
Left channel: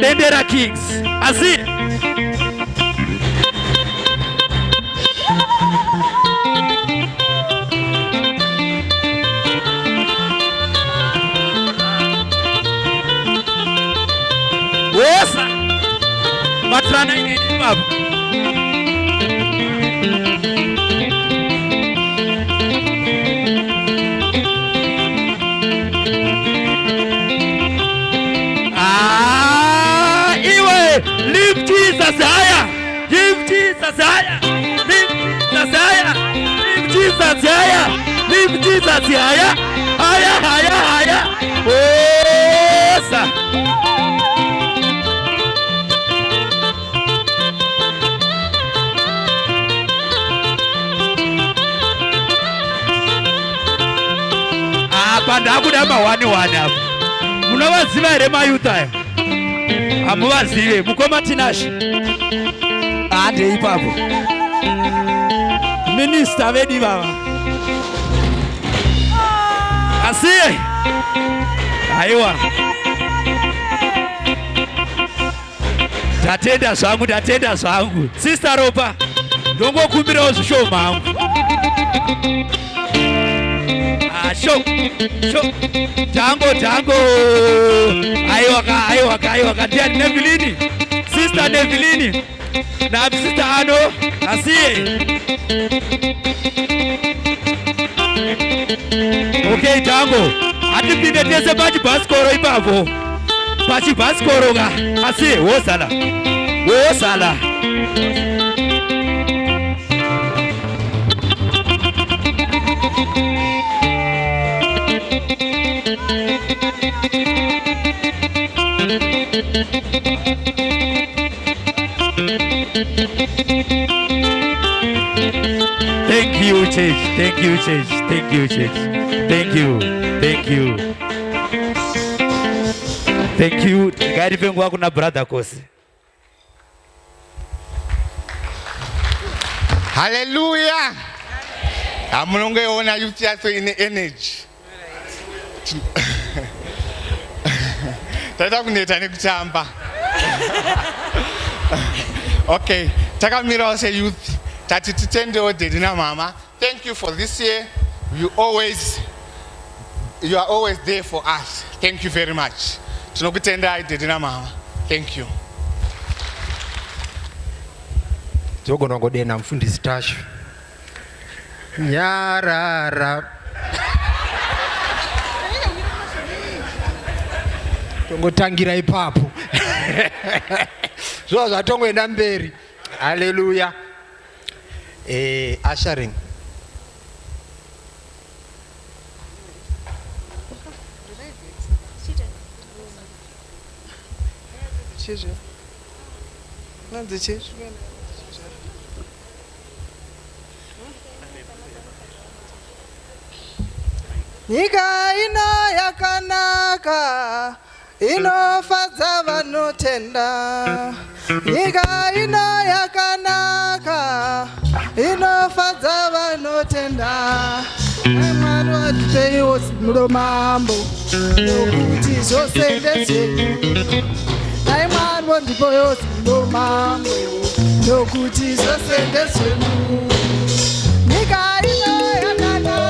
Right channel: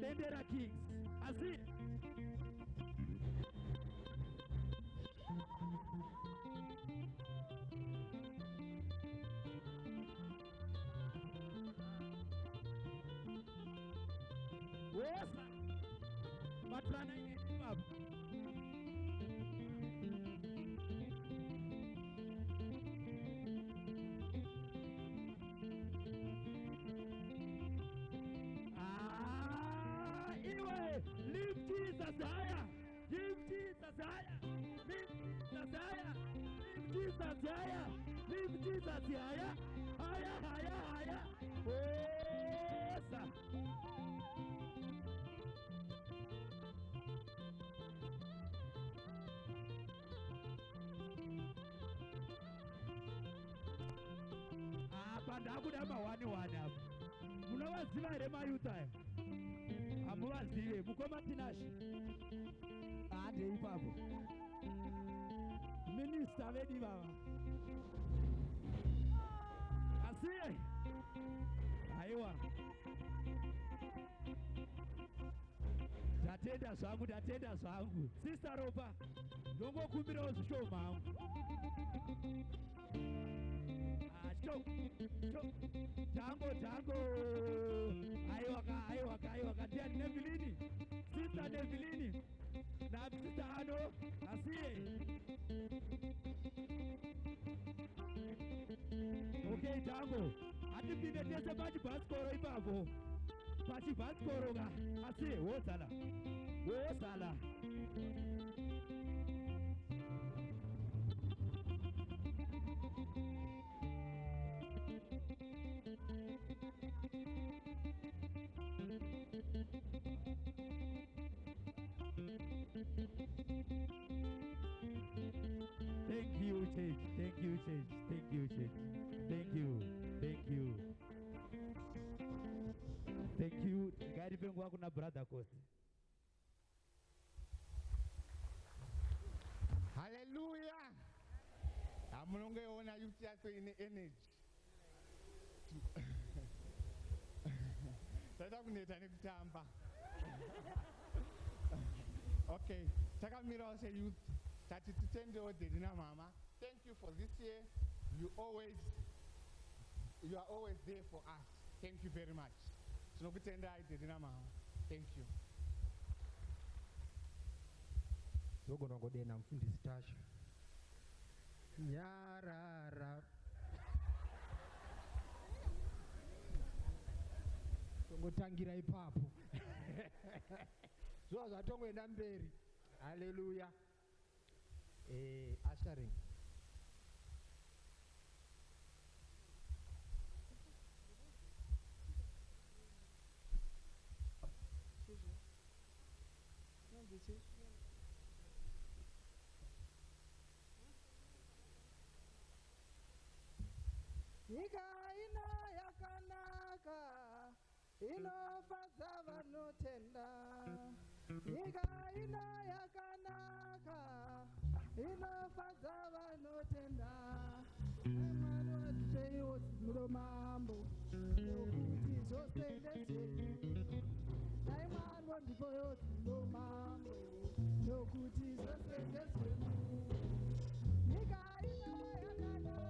Dendera Kings. Asi. Wosa. Matrana ini babu. Iwe lift Jesus higher. Lift Jesus higher. Lift Jesus higher. Lift Jesus higher. Lift Jesus higher. Higher, higher, higher. Wosa. Ndakuda mawani apo. Munovaziva here mayuta aya? Hamuvazive. Mukoma Tinashe ande ipapo. Minister vedi baba. Asiye. Aiwa. Tatenda zvangu. Sister Ropa. Ndongokumbirawo zvishoma hangu. Show. Tango. Aiwaka. Dear Nevilini. Sister Nevilini. Na sister Ano. Asiye. Okay, Tango. Atipinde tese pachibasikoro ipapo. Pachibasikoro ga. Asiye, wosala. Thank you, church. Thank you. Gari pengu wako na brother Kosi. Hallelujah. Amunonge ona youth yaso ine energy. Tata kuneta nekutamba. Okay, takamira se youth. Tati titende Daddy na mama. Thank you for this year. You are always there for us. Thank you very much. Tinokutenda Daddy na mama. Thank you. Zogona ngodena mfundisi Tashu. Nyarara. Tongotangira ipapo. zvo zvatongoenda mberi. Haleluya. Ushering. Nyika ino yakanaka, inofadza vanotenda. Nyika ino yakanaka, inofadza vanotenda. Mwari watipeiwo zino mambo, nokuti zvose ndezvenyu. Dai Mwari wandipowo zino mambo, nokuti zvose ndezvenyu. Nyika ino yakanaka.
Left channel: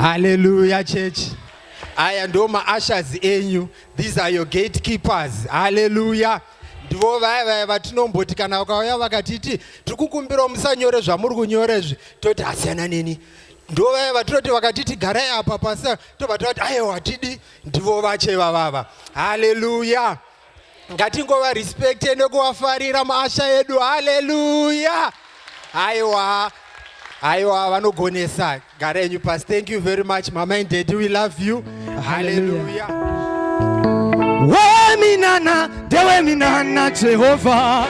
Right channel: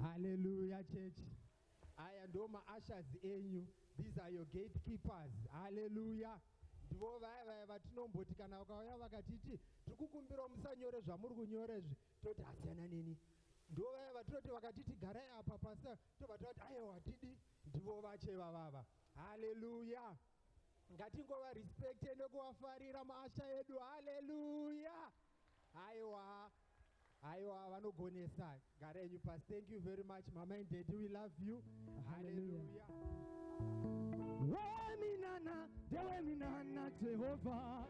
Hallelujah, church. Aya ndo ma-ushers enyu. These are your gatekeepers. Hallelujah. Ndivo vaya vatinomboti kana vakauya vakatiti tikukumbira musanyore zvamuri kunyorezvi toti asiyana neni. Ndivo vaya vatinoti vakatiti garai apa pasa tovatoti aiwa hatidi. Ndivo vacheva vava. Hallelujah. Ngatingova respecte nekuvafarira maasha edu. Hallelujah. Aiwa vanogonesa. Garenyu pas. Thank you very much, Mama and Daddy. We love you. Hallelujah. Weminana, dewe minana, Jehovah.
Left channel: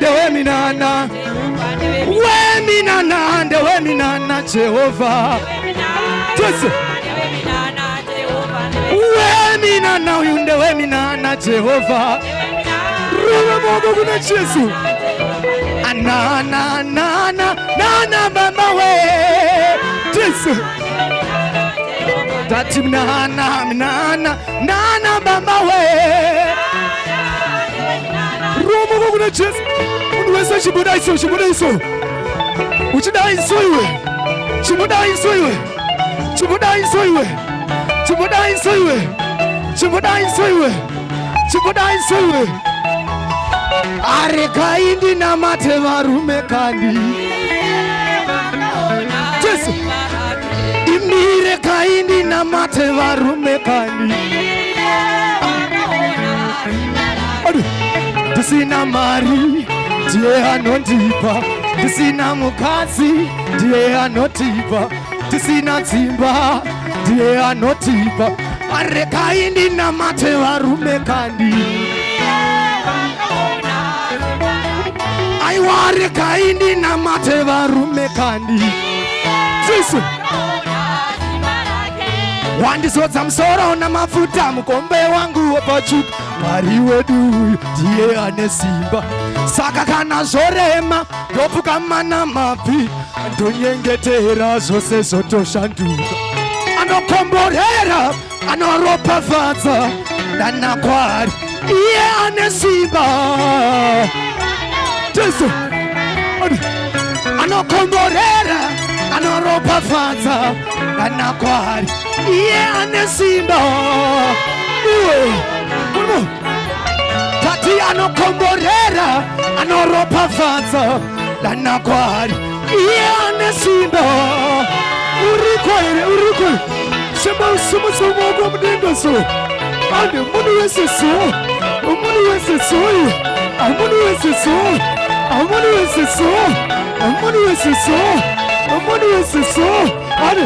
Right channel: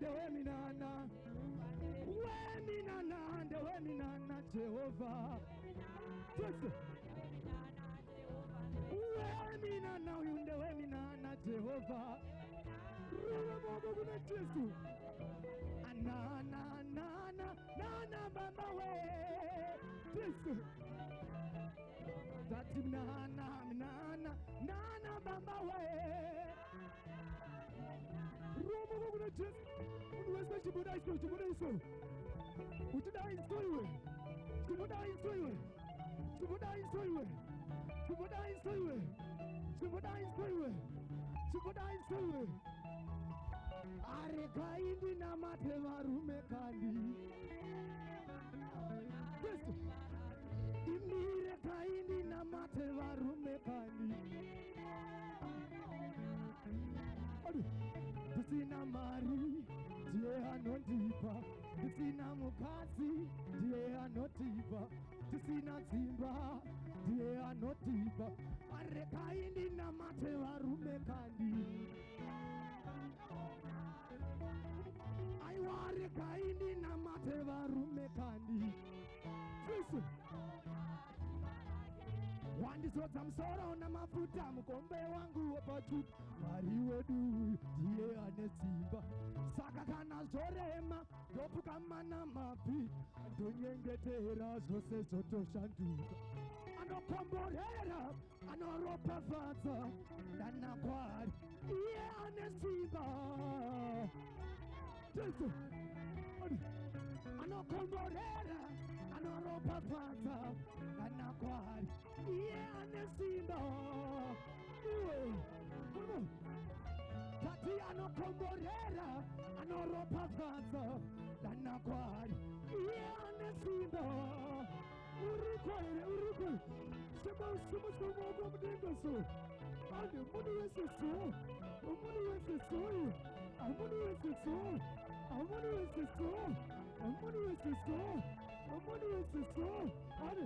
Dewe minana. Weminana, dewe minana, Jehovah. Weminana, dewe minana, Jehovah. Ruba mogo kuna Jesu. Na mama we Jesu Tati na mama we Roma kuna Jesu Unweza shibuda iso Uchida iso iwe chimudaiso iwe, chimudaiso iwe, chimudaiso iwe, chimudaiso iwe, chimudaiso iwe. Arekaindi namate varume kandi Jesu imire kaindi namate varume kandi Tisina mari ndiye anondipa, tisina mukadzi ndiye anotipa, tisina dzimba ndiye anotipa. Arekaindi namate varume kandi aiware kaindi namate varume kandi Jesu wandizodza musoro namafuta mukombe wangu wopachuka. Mwari wedu ndiye ane simba, saka kana zvorema ndopfukama namapi ndonyengetera zvose zvotoshanduka. Anokomborera anoropafadza ndana kwari iye ane simba Jesu anokomborera anoropafadza ndana kwari iye ane simba tati anokomborera anoropafadza ndana kwari iye ane simba. Uriko sema usimutse umwoko mudenga so ande umuntu wese so, umuntu wese so, umuntu wese so, umuntu wese so, umuntu wese so, umuntu wese so ande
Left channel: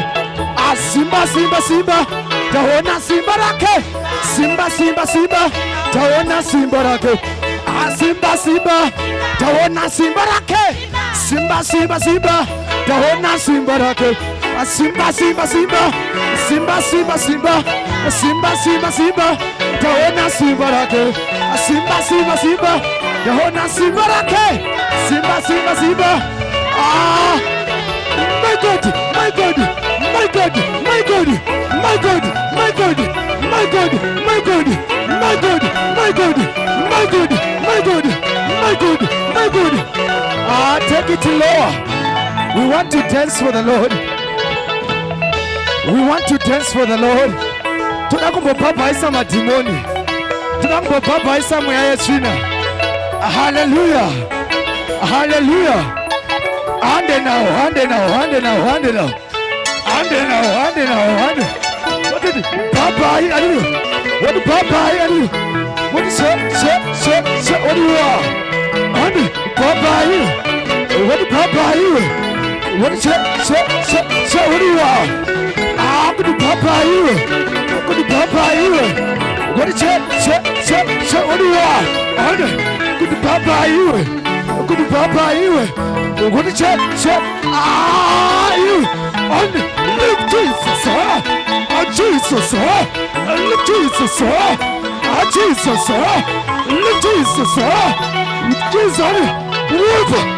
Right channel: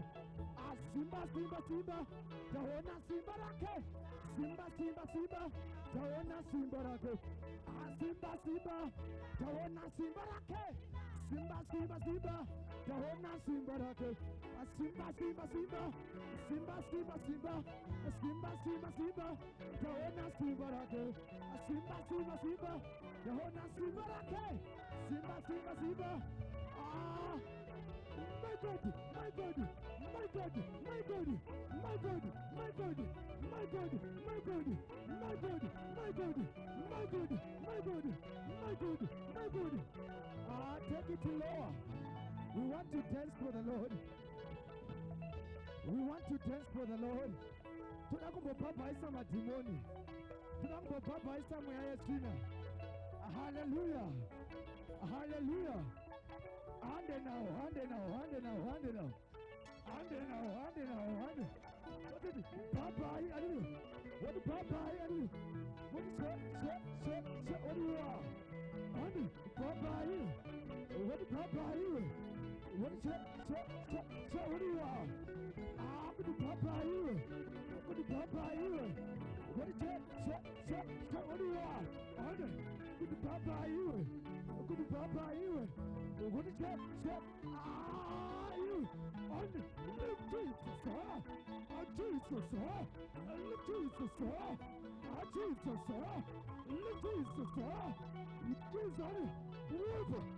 asimba simba simba taona simba lake, simba simba simba taona simba lake, asimba simba taona simba lake, simba simba simba taona simba lake. Simba simba simba simba simba simba simba simba simba taona simba lake, simba simba simba taona simba lake, simba simba simba. Ah, my God, my God, my God, my God, my God, my God, my God, my God, my God, my God, my God, my God, my God, my God. Ah, take it lower. We want to dance for the Lord. We want to dance for the Lord. Tunakumbopapa madimoni. Tunakumbopapa mweya yechina. Hallelujah. Hallelujah. Ande now, ande now, ande now, ande now. Ande now, ande now, ande. What did Papa I do? What did Papa I do? What is say, what do you are? Ande, Papa I. What did Papa I? What is say, what do you are? Good Papa, you. Good Papa, you. What is it? What do you want? Good Papa, you. Good Papa, you. What is it? You. Lift Jesus, oh Jesus, lift Jesus, oh Jesus, lift Jesus, Jesus, river.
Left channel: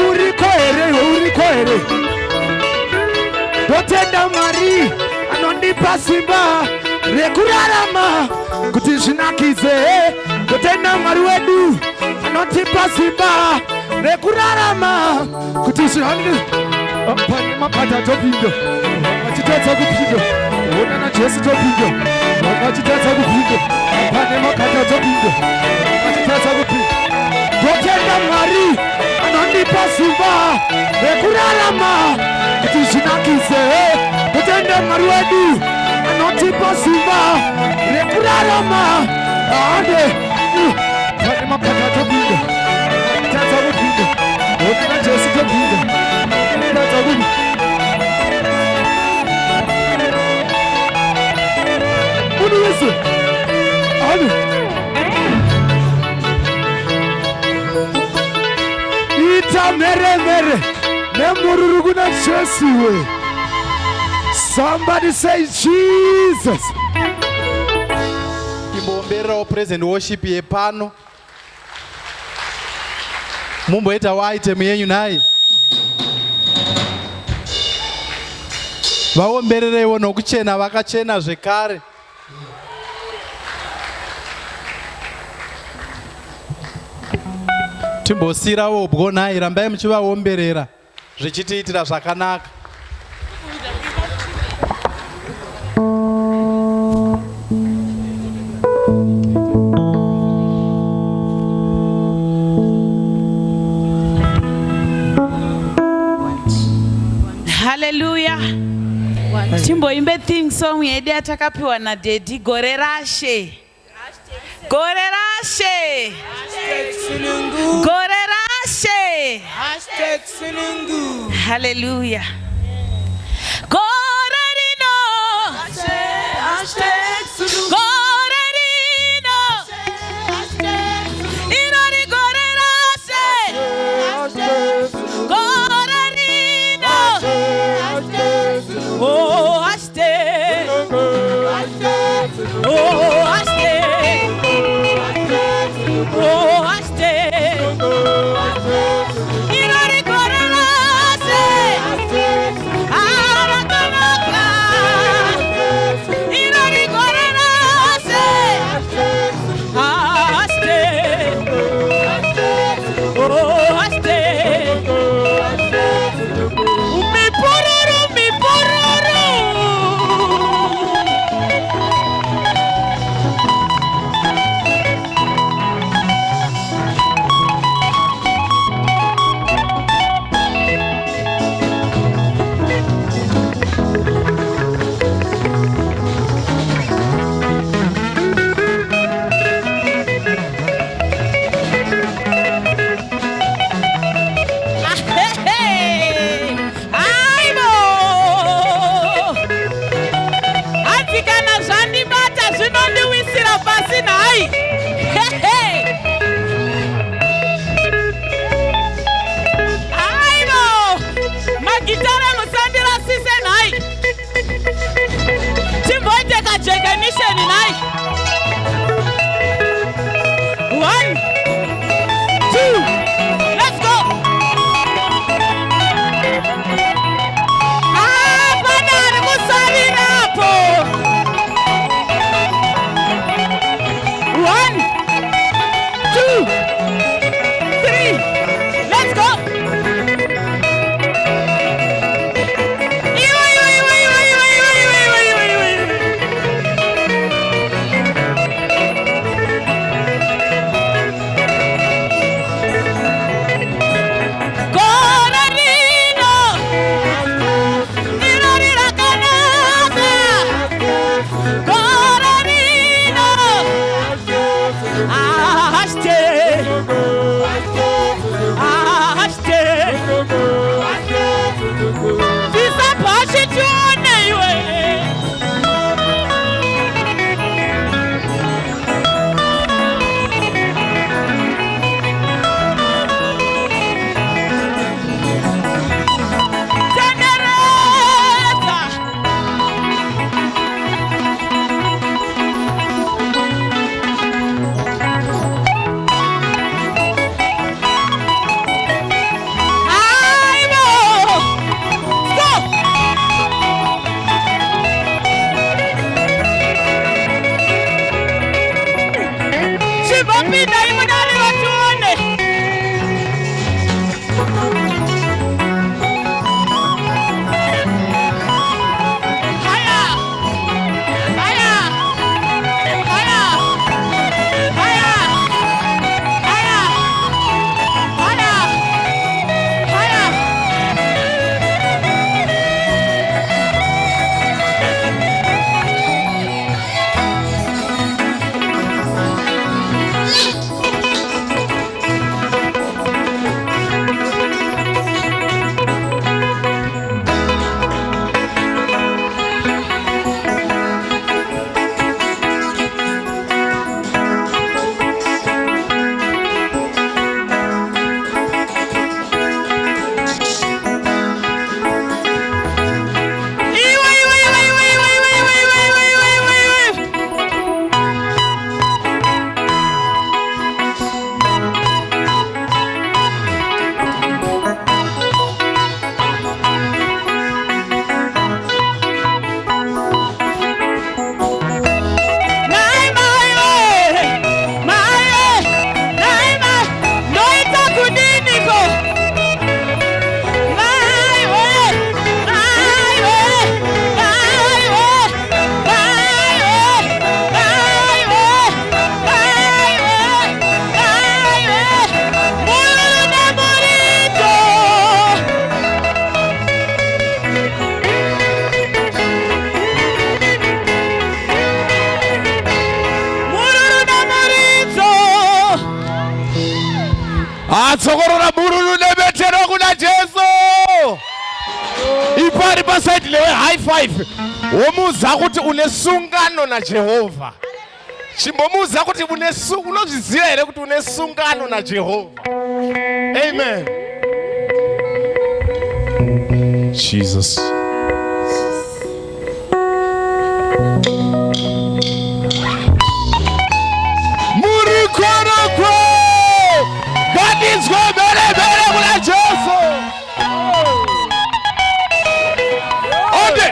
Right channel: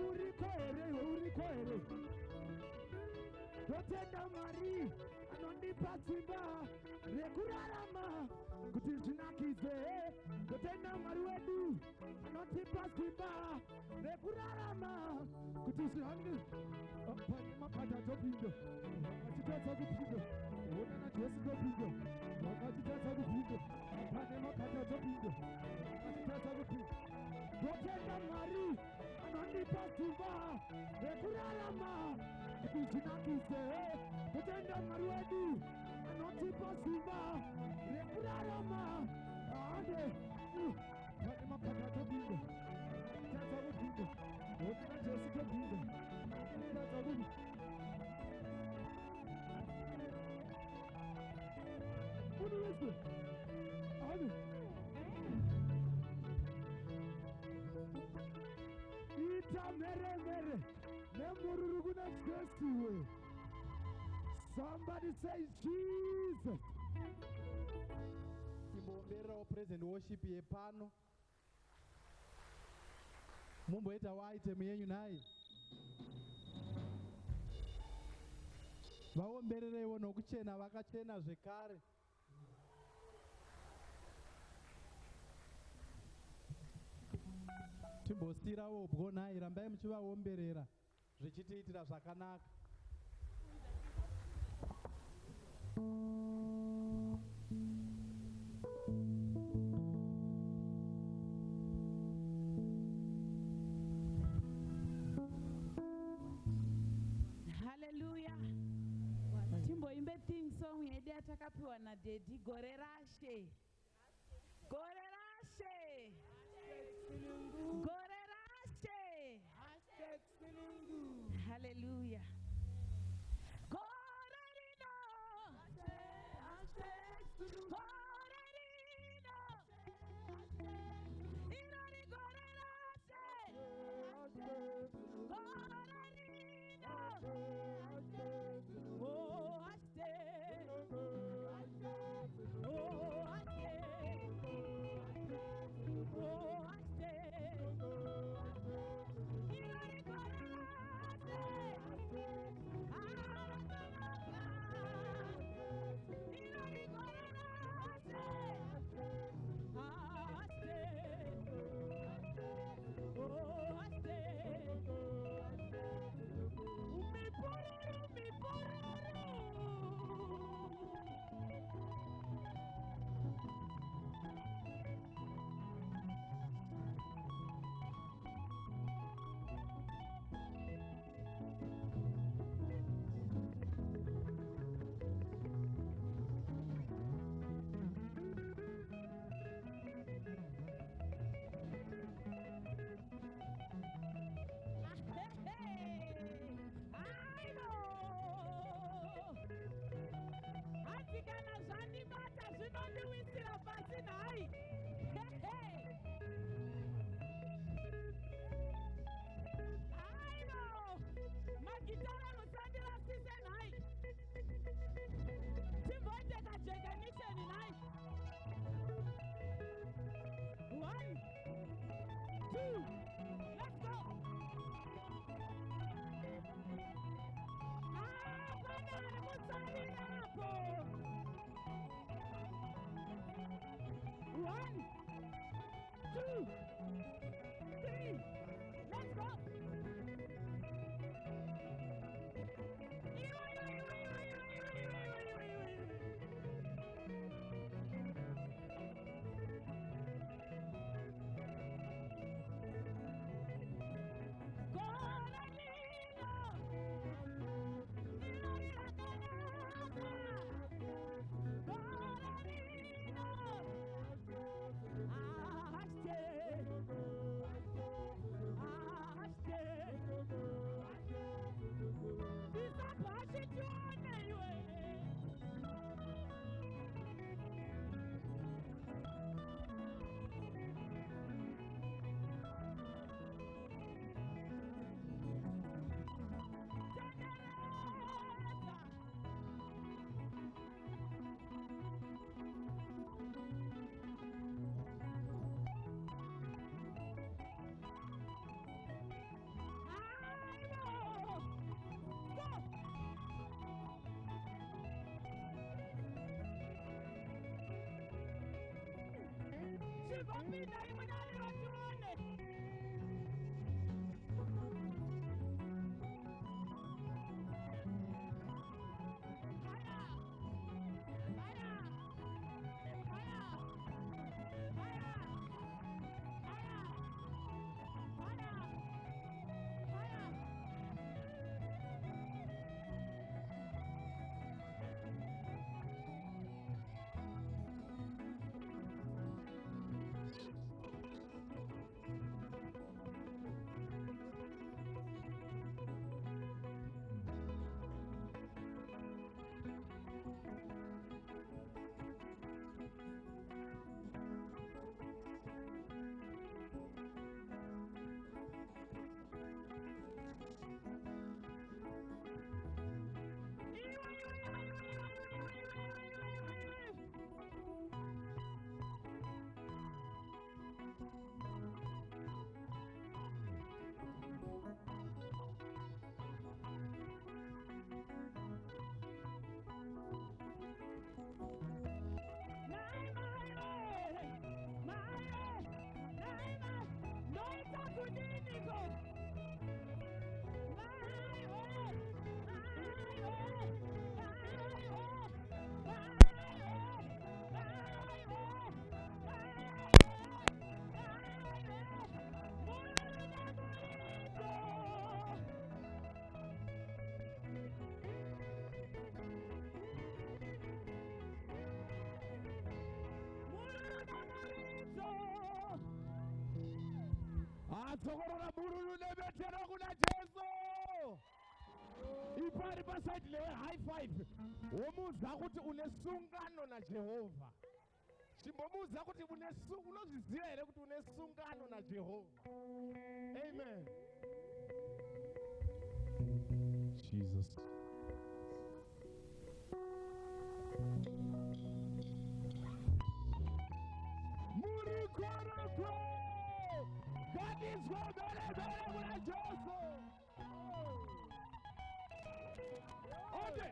Iwe urikoere dotenda mari anondipa simba rekurarama kuti zvinakize. Dotenda mari wedu anotipa simba rekurarama kuti zvinakize. Pane mapata topinda achitadza kupinda ona na Jesu topinda achitadza kupinda pane makata topinda achitadza kupinda. Dotenda Mwari anondipa simba rekurarama kuti zvinakize. Dotenda Mwari wedu anotipa simba rekurarama ande pane makata topinda achitadza kupinda ona na Jesu topinda achitadza kupinda. Listen, ita mere nemururuguna Jesu. Somebody say Jesus. Kimbombera present worship yepano. Mumboita waite myenyu naye. vaombererewo nokuchena vakachena zvekare. Timbosirawo bwonai, rambai muchivaomberera zvichitiitira zvakanaka. Hallelujah. Timboimbe theme song yedu yatakapiwa naDaddy, gore rashe. Gore rashe. Gore rashe. Hallelujah. Gore rino. Gore rino. Irori gore rashe. Gore rino. Oh, ashte. Oh, ashte. Oh, ashte. Irori gore rashe. Arakanaka. Irori gore rashe. Ashte. Oh, ashte. Umipururu, umipururu. Aibo! Atikana zvandibata zvinondiwisira pasi nhai. Aibo! Magitara musandirasise nhai. Timboite kajekanisheni nhai. 1, 2, let's go! Apana ari kusarirapo. 1, 2, 3, let's go! Iwe, iwe, iwe, iwe, iwe, iwe, iwe, iwe, iwe, iwe. Gore rino. Irori rakanaka. Gore rino. Ashte. Ashte. Tisapashe tione iwe. Tendereza. Aibo! Stop! Chibopinda imudali watuone. Haya! Haya! Haya! Haya! Haya! Haya! Haya! watsokorora bururu nebetero kuna Jesu. Ipari pasaidi lewe high five. Womuza kuti une sungano na Jehova. Chimbomuza kuti unozviziva here kuti une sungano na Jehova. Amen. Jesus. Murikoroko. God is good, bere kuna Jesu. Ode.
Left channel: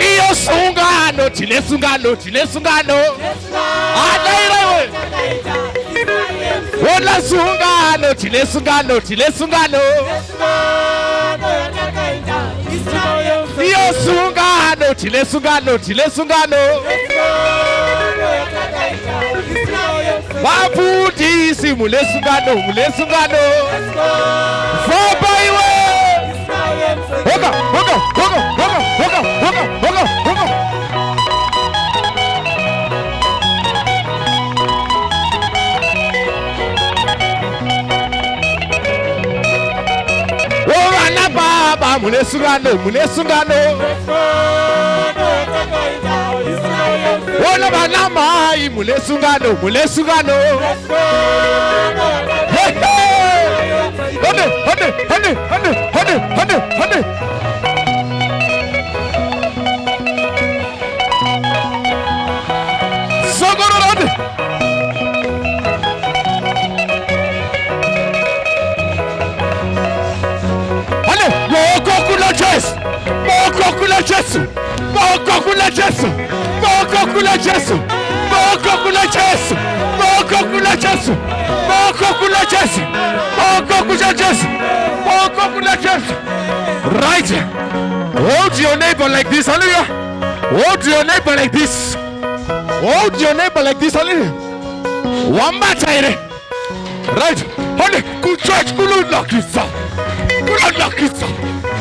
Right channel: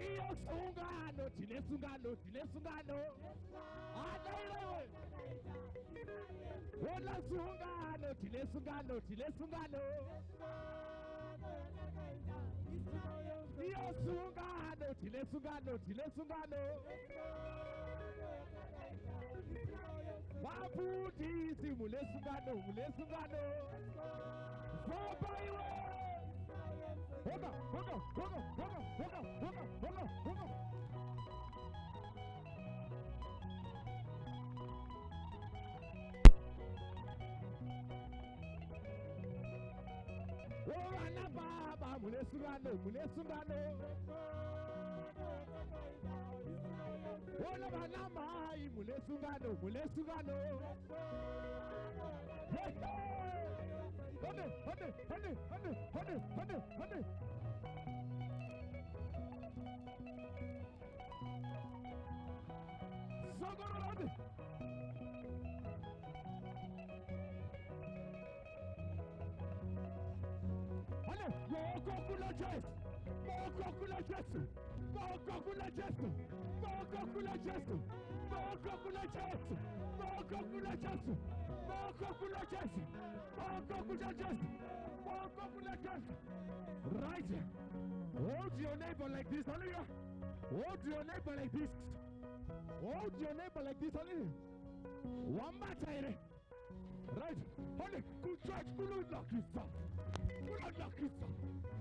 Iyo sungano, tile sungano. Adaira. Wala sungano, tile sungano. Iyo sungano, tile sungano. Wafundisi mule sungano. Foba iwe. Hoga. Wana baba mule sungano. Wala bana mai mule sungano. Hode. Sogorode. Hale, moko kula Jesu. Right. Hold your neighbor like this. Hallelujah. Hold your neighbor like this. Hallelujah. Wambatire. Right. Hale, ku church kulunakisa.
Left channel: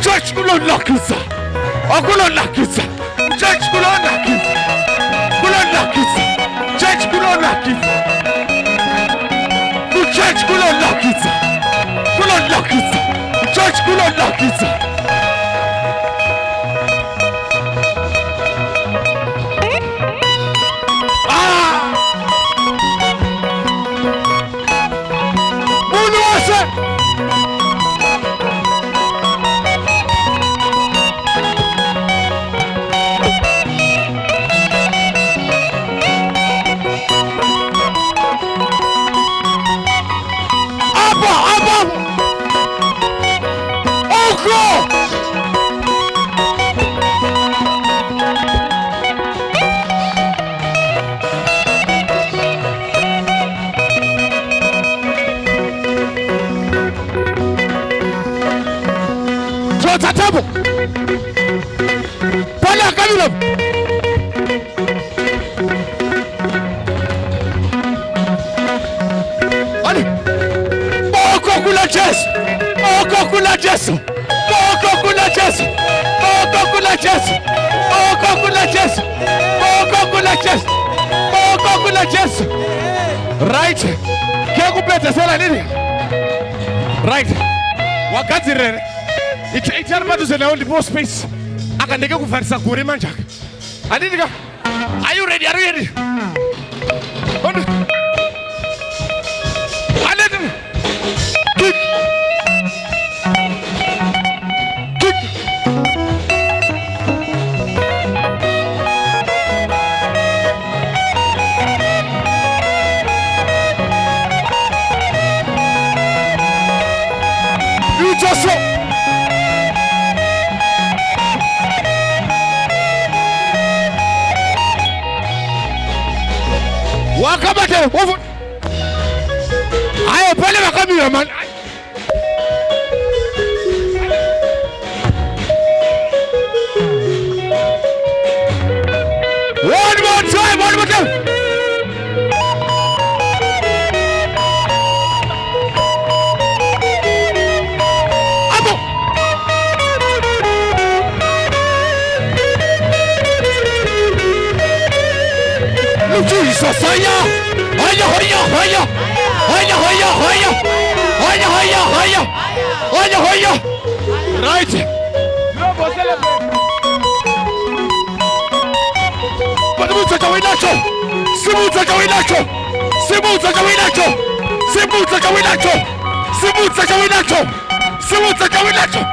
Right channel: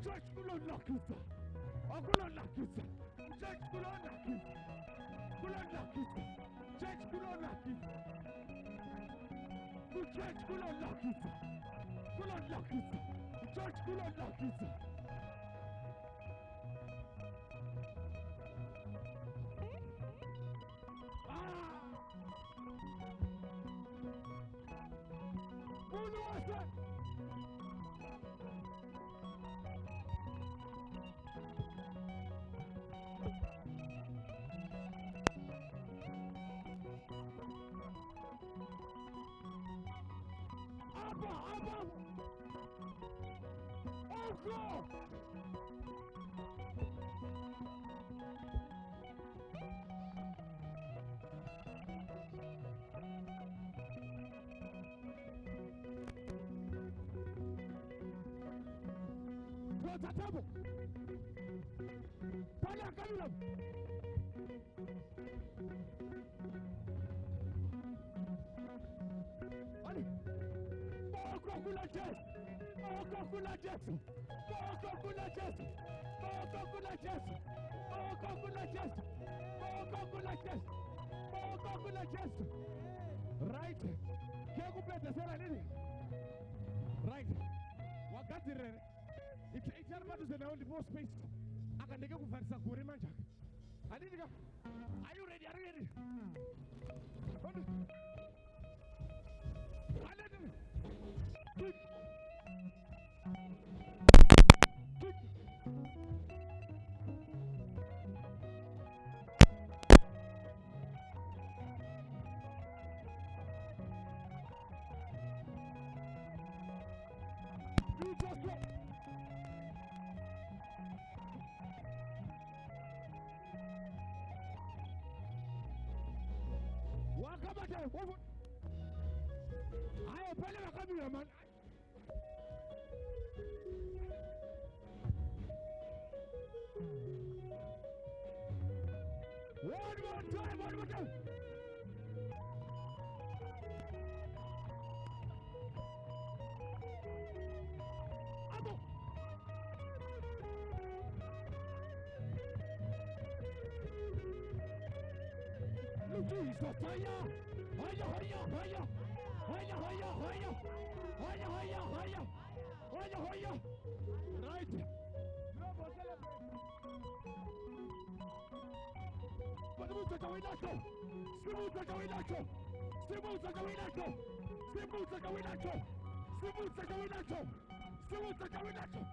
Church kulunakisa. Okulunakisa. Church kulunakisa. Church kulunakisa. Church kulunakisa. Church kulunakisa. Tatabu. Pala kabila. Ali. Boko kula Jesu. Right. Kekupeta sala nini? Right. Wakati rere. Itari maduze na only more space. Akandeke kufarisa kuri manjaka. Andika. Are you ready? Kick. You just so. Wakabate wofu. Ayo pale wakamira man. One more time. Abo. Hoya, hoya, hoya, hoya, hoya, hoya, hoya, hoya, hoya, hoya, hoya, hoya. Right. Simuza Kawinacho, Simuza Kawinacho, Simuza Kawinacho, Simuza Kawinacho, Simuza Kawinacho, Simuza Kawinacho.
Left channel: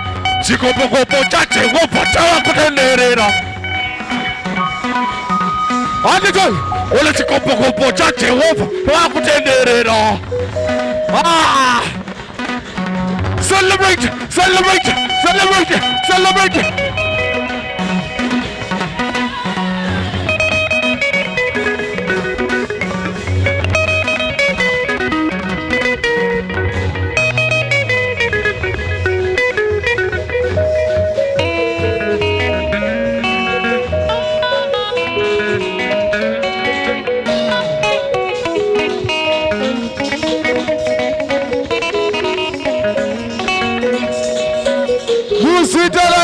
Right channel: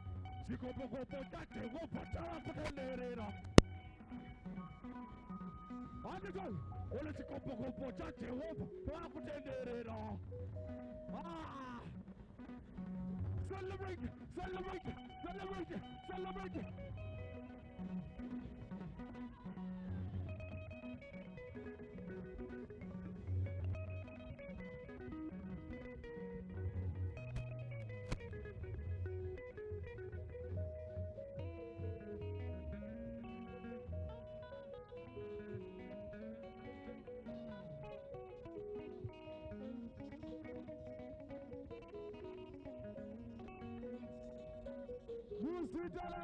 Chikopokopo chache wopa chawa kutenderera. Anditoy, ole chikopokopo chache wopa chawa kutenderera. Ah! Celebrate, celebrate, celebrate, celebrate.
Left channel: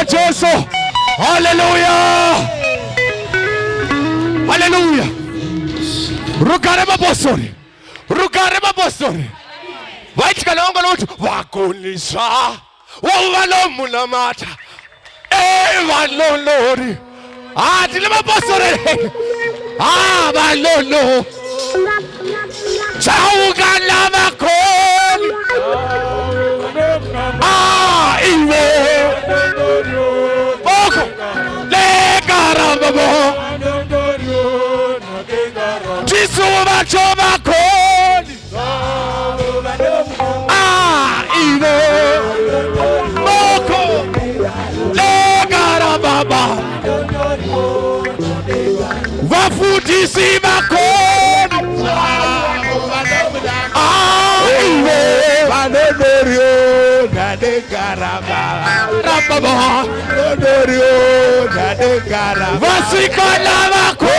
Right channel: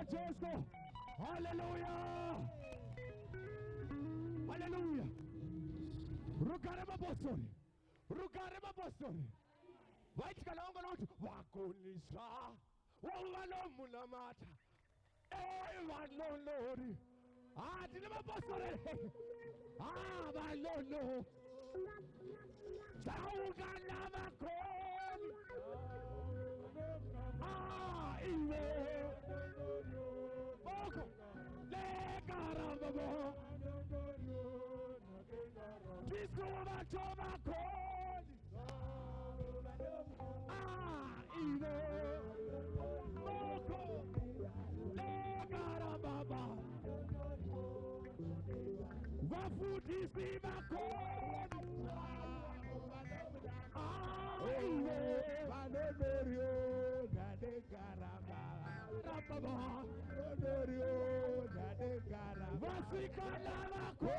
Jesu. Hallelujah. Hallelujah. Rukare mabosori. Rukare mabosori. Waitika longo lotu wakunisha. Wawalo mulamata. Walolori. Tile mabosori. Walolo. Chauga lava koni. Iwe. Jisuwa choma koni. Iwe. Moko. Legara baba. Wafundisi makoni. Iwe. Vanodorio. Nadegara baba. Vanodorio. Nadegara baba. Vasikala makoni.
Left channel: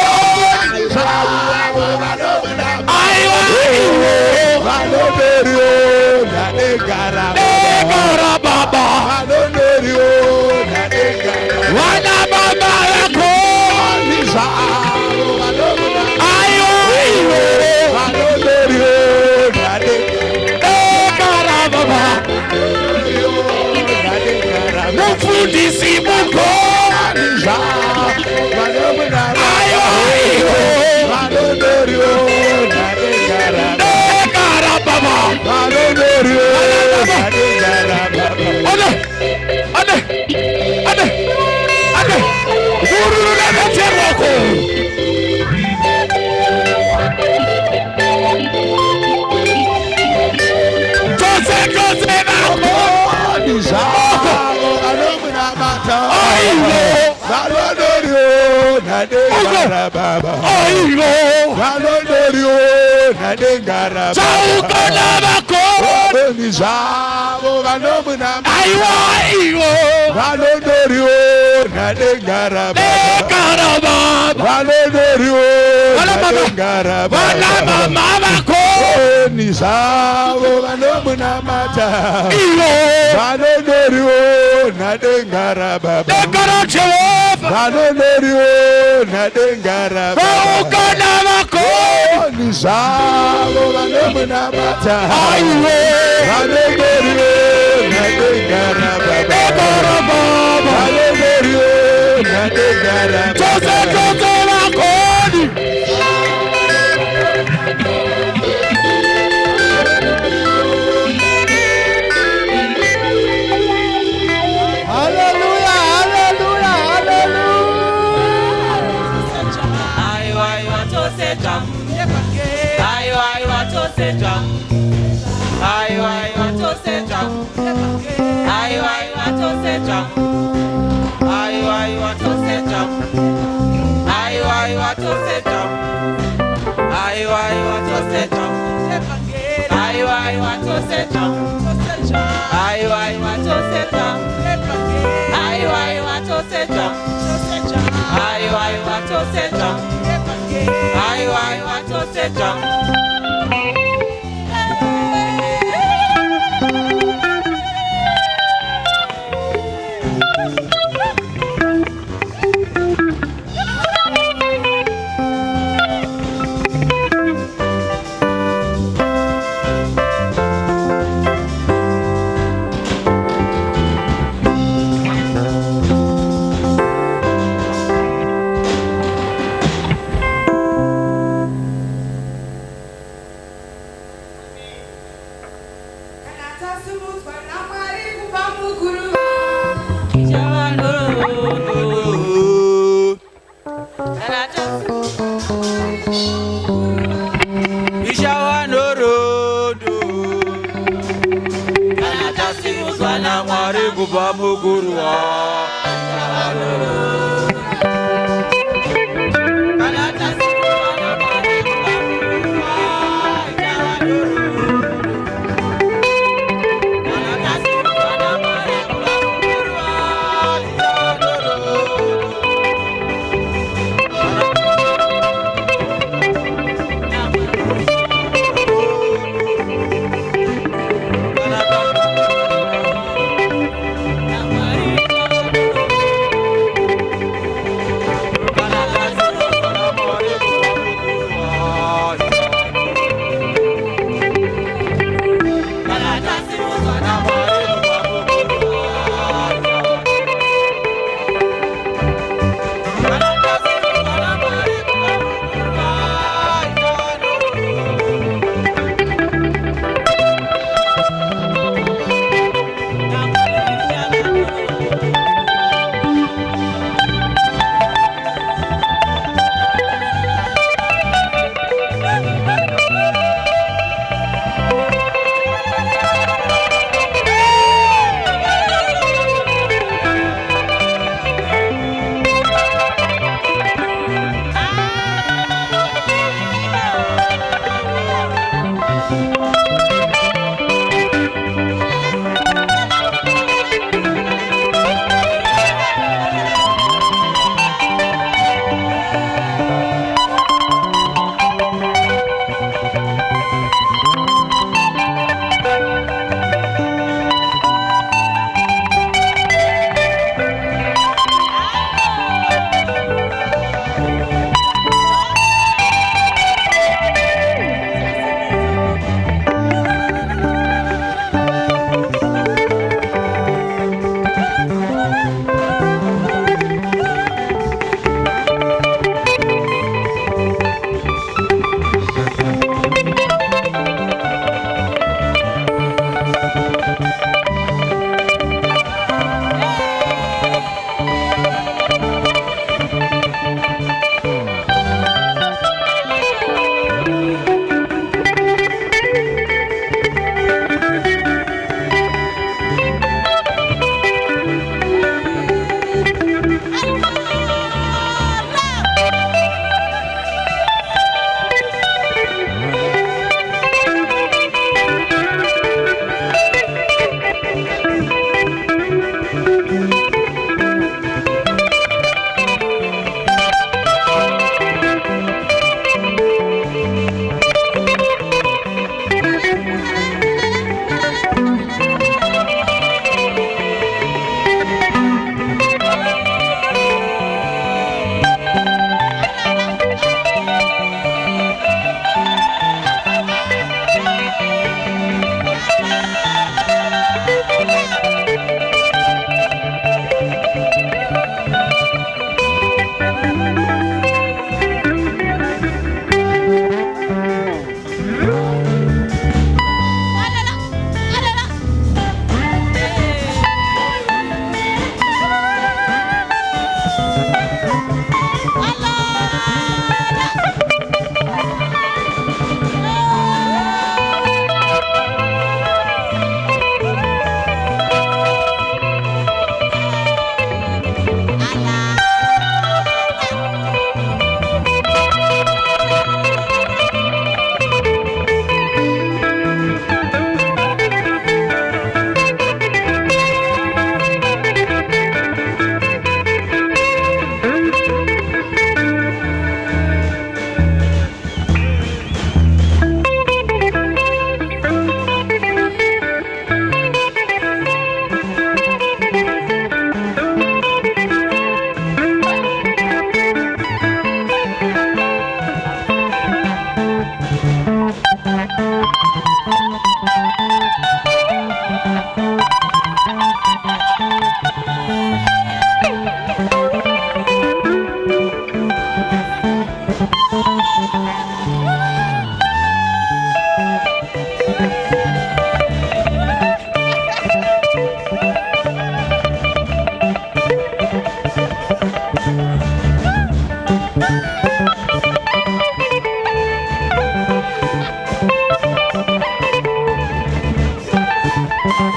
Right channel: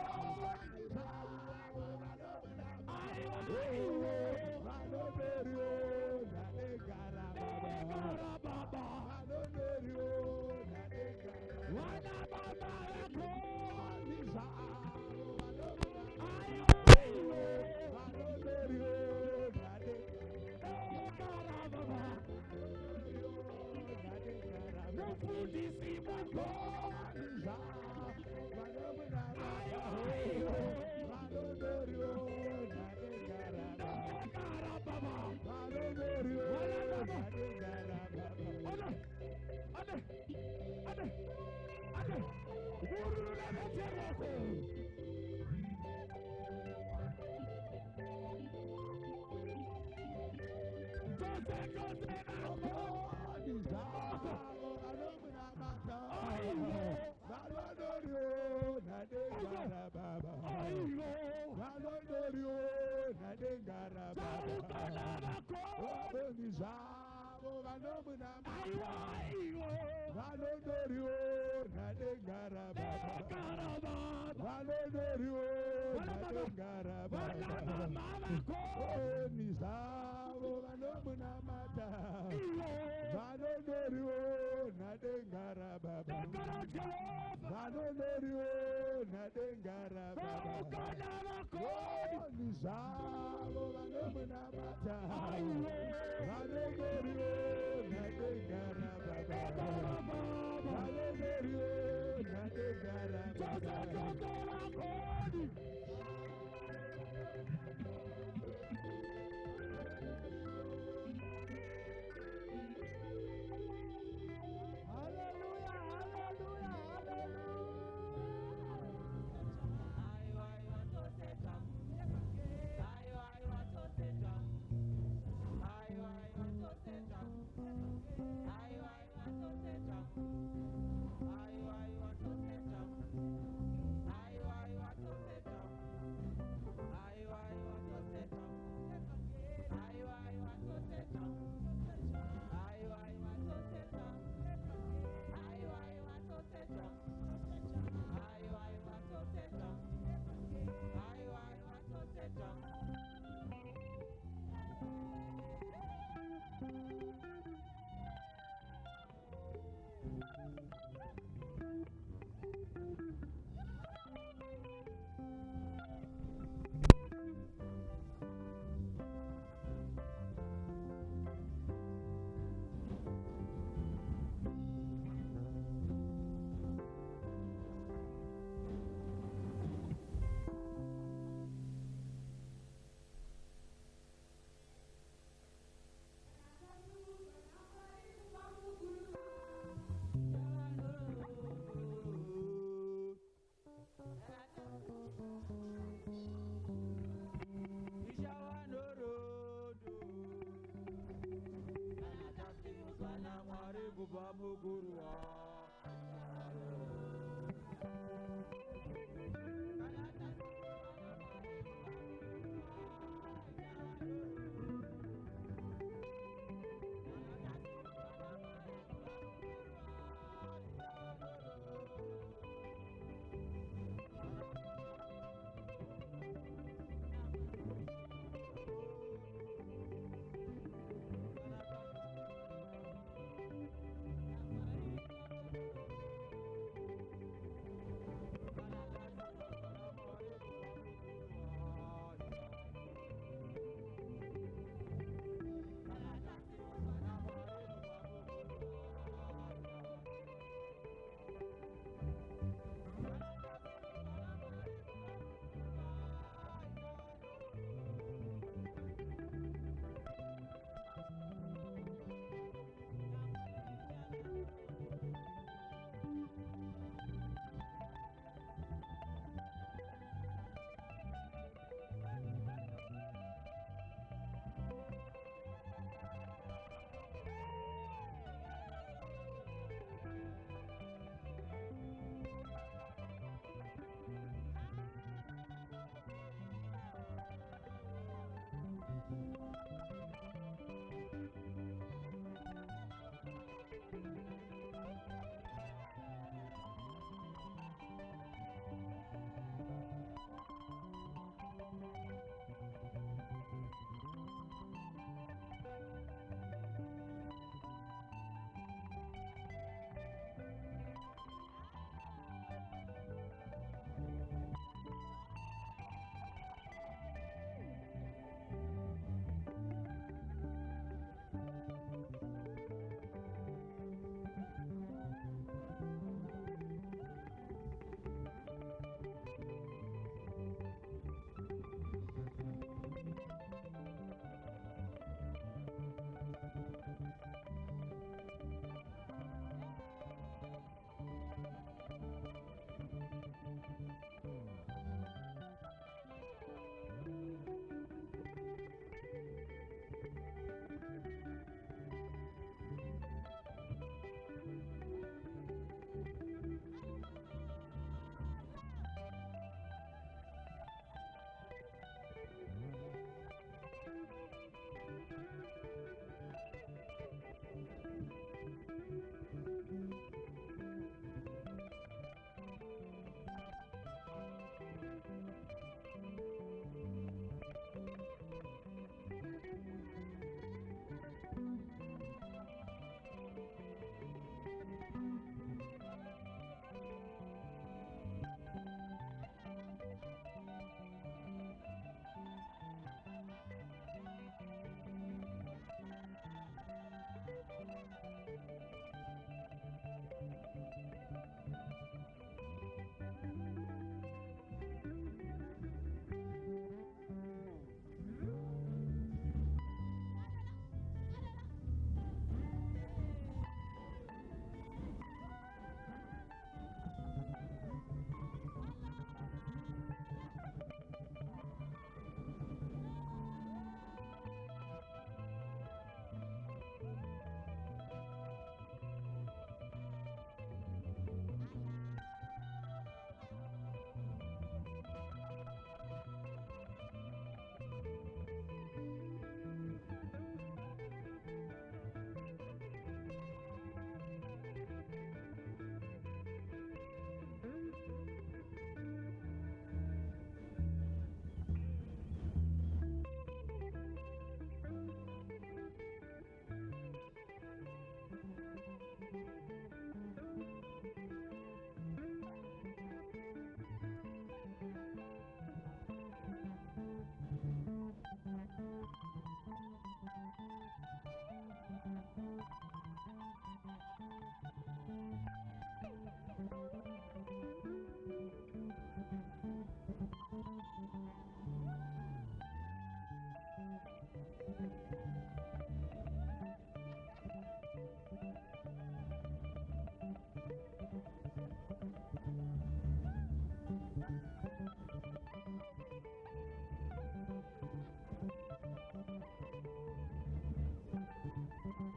Thank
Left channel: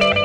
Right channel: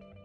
you.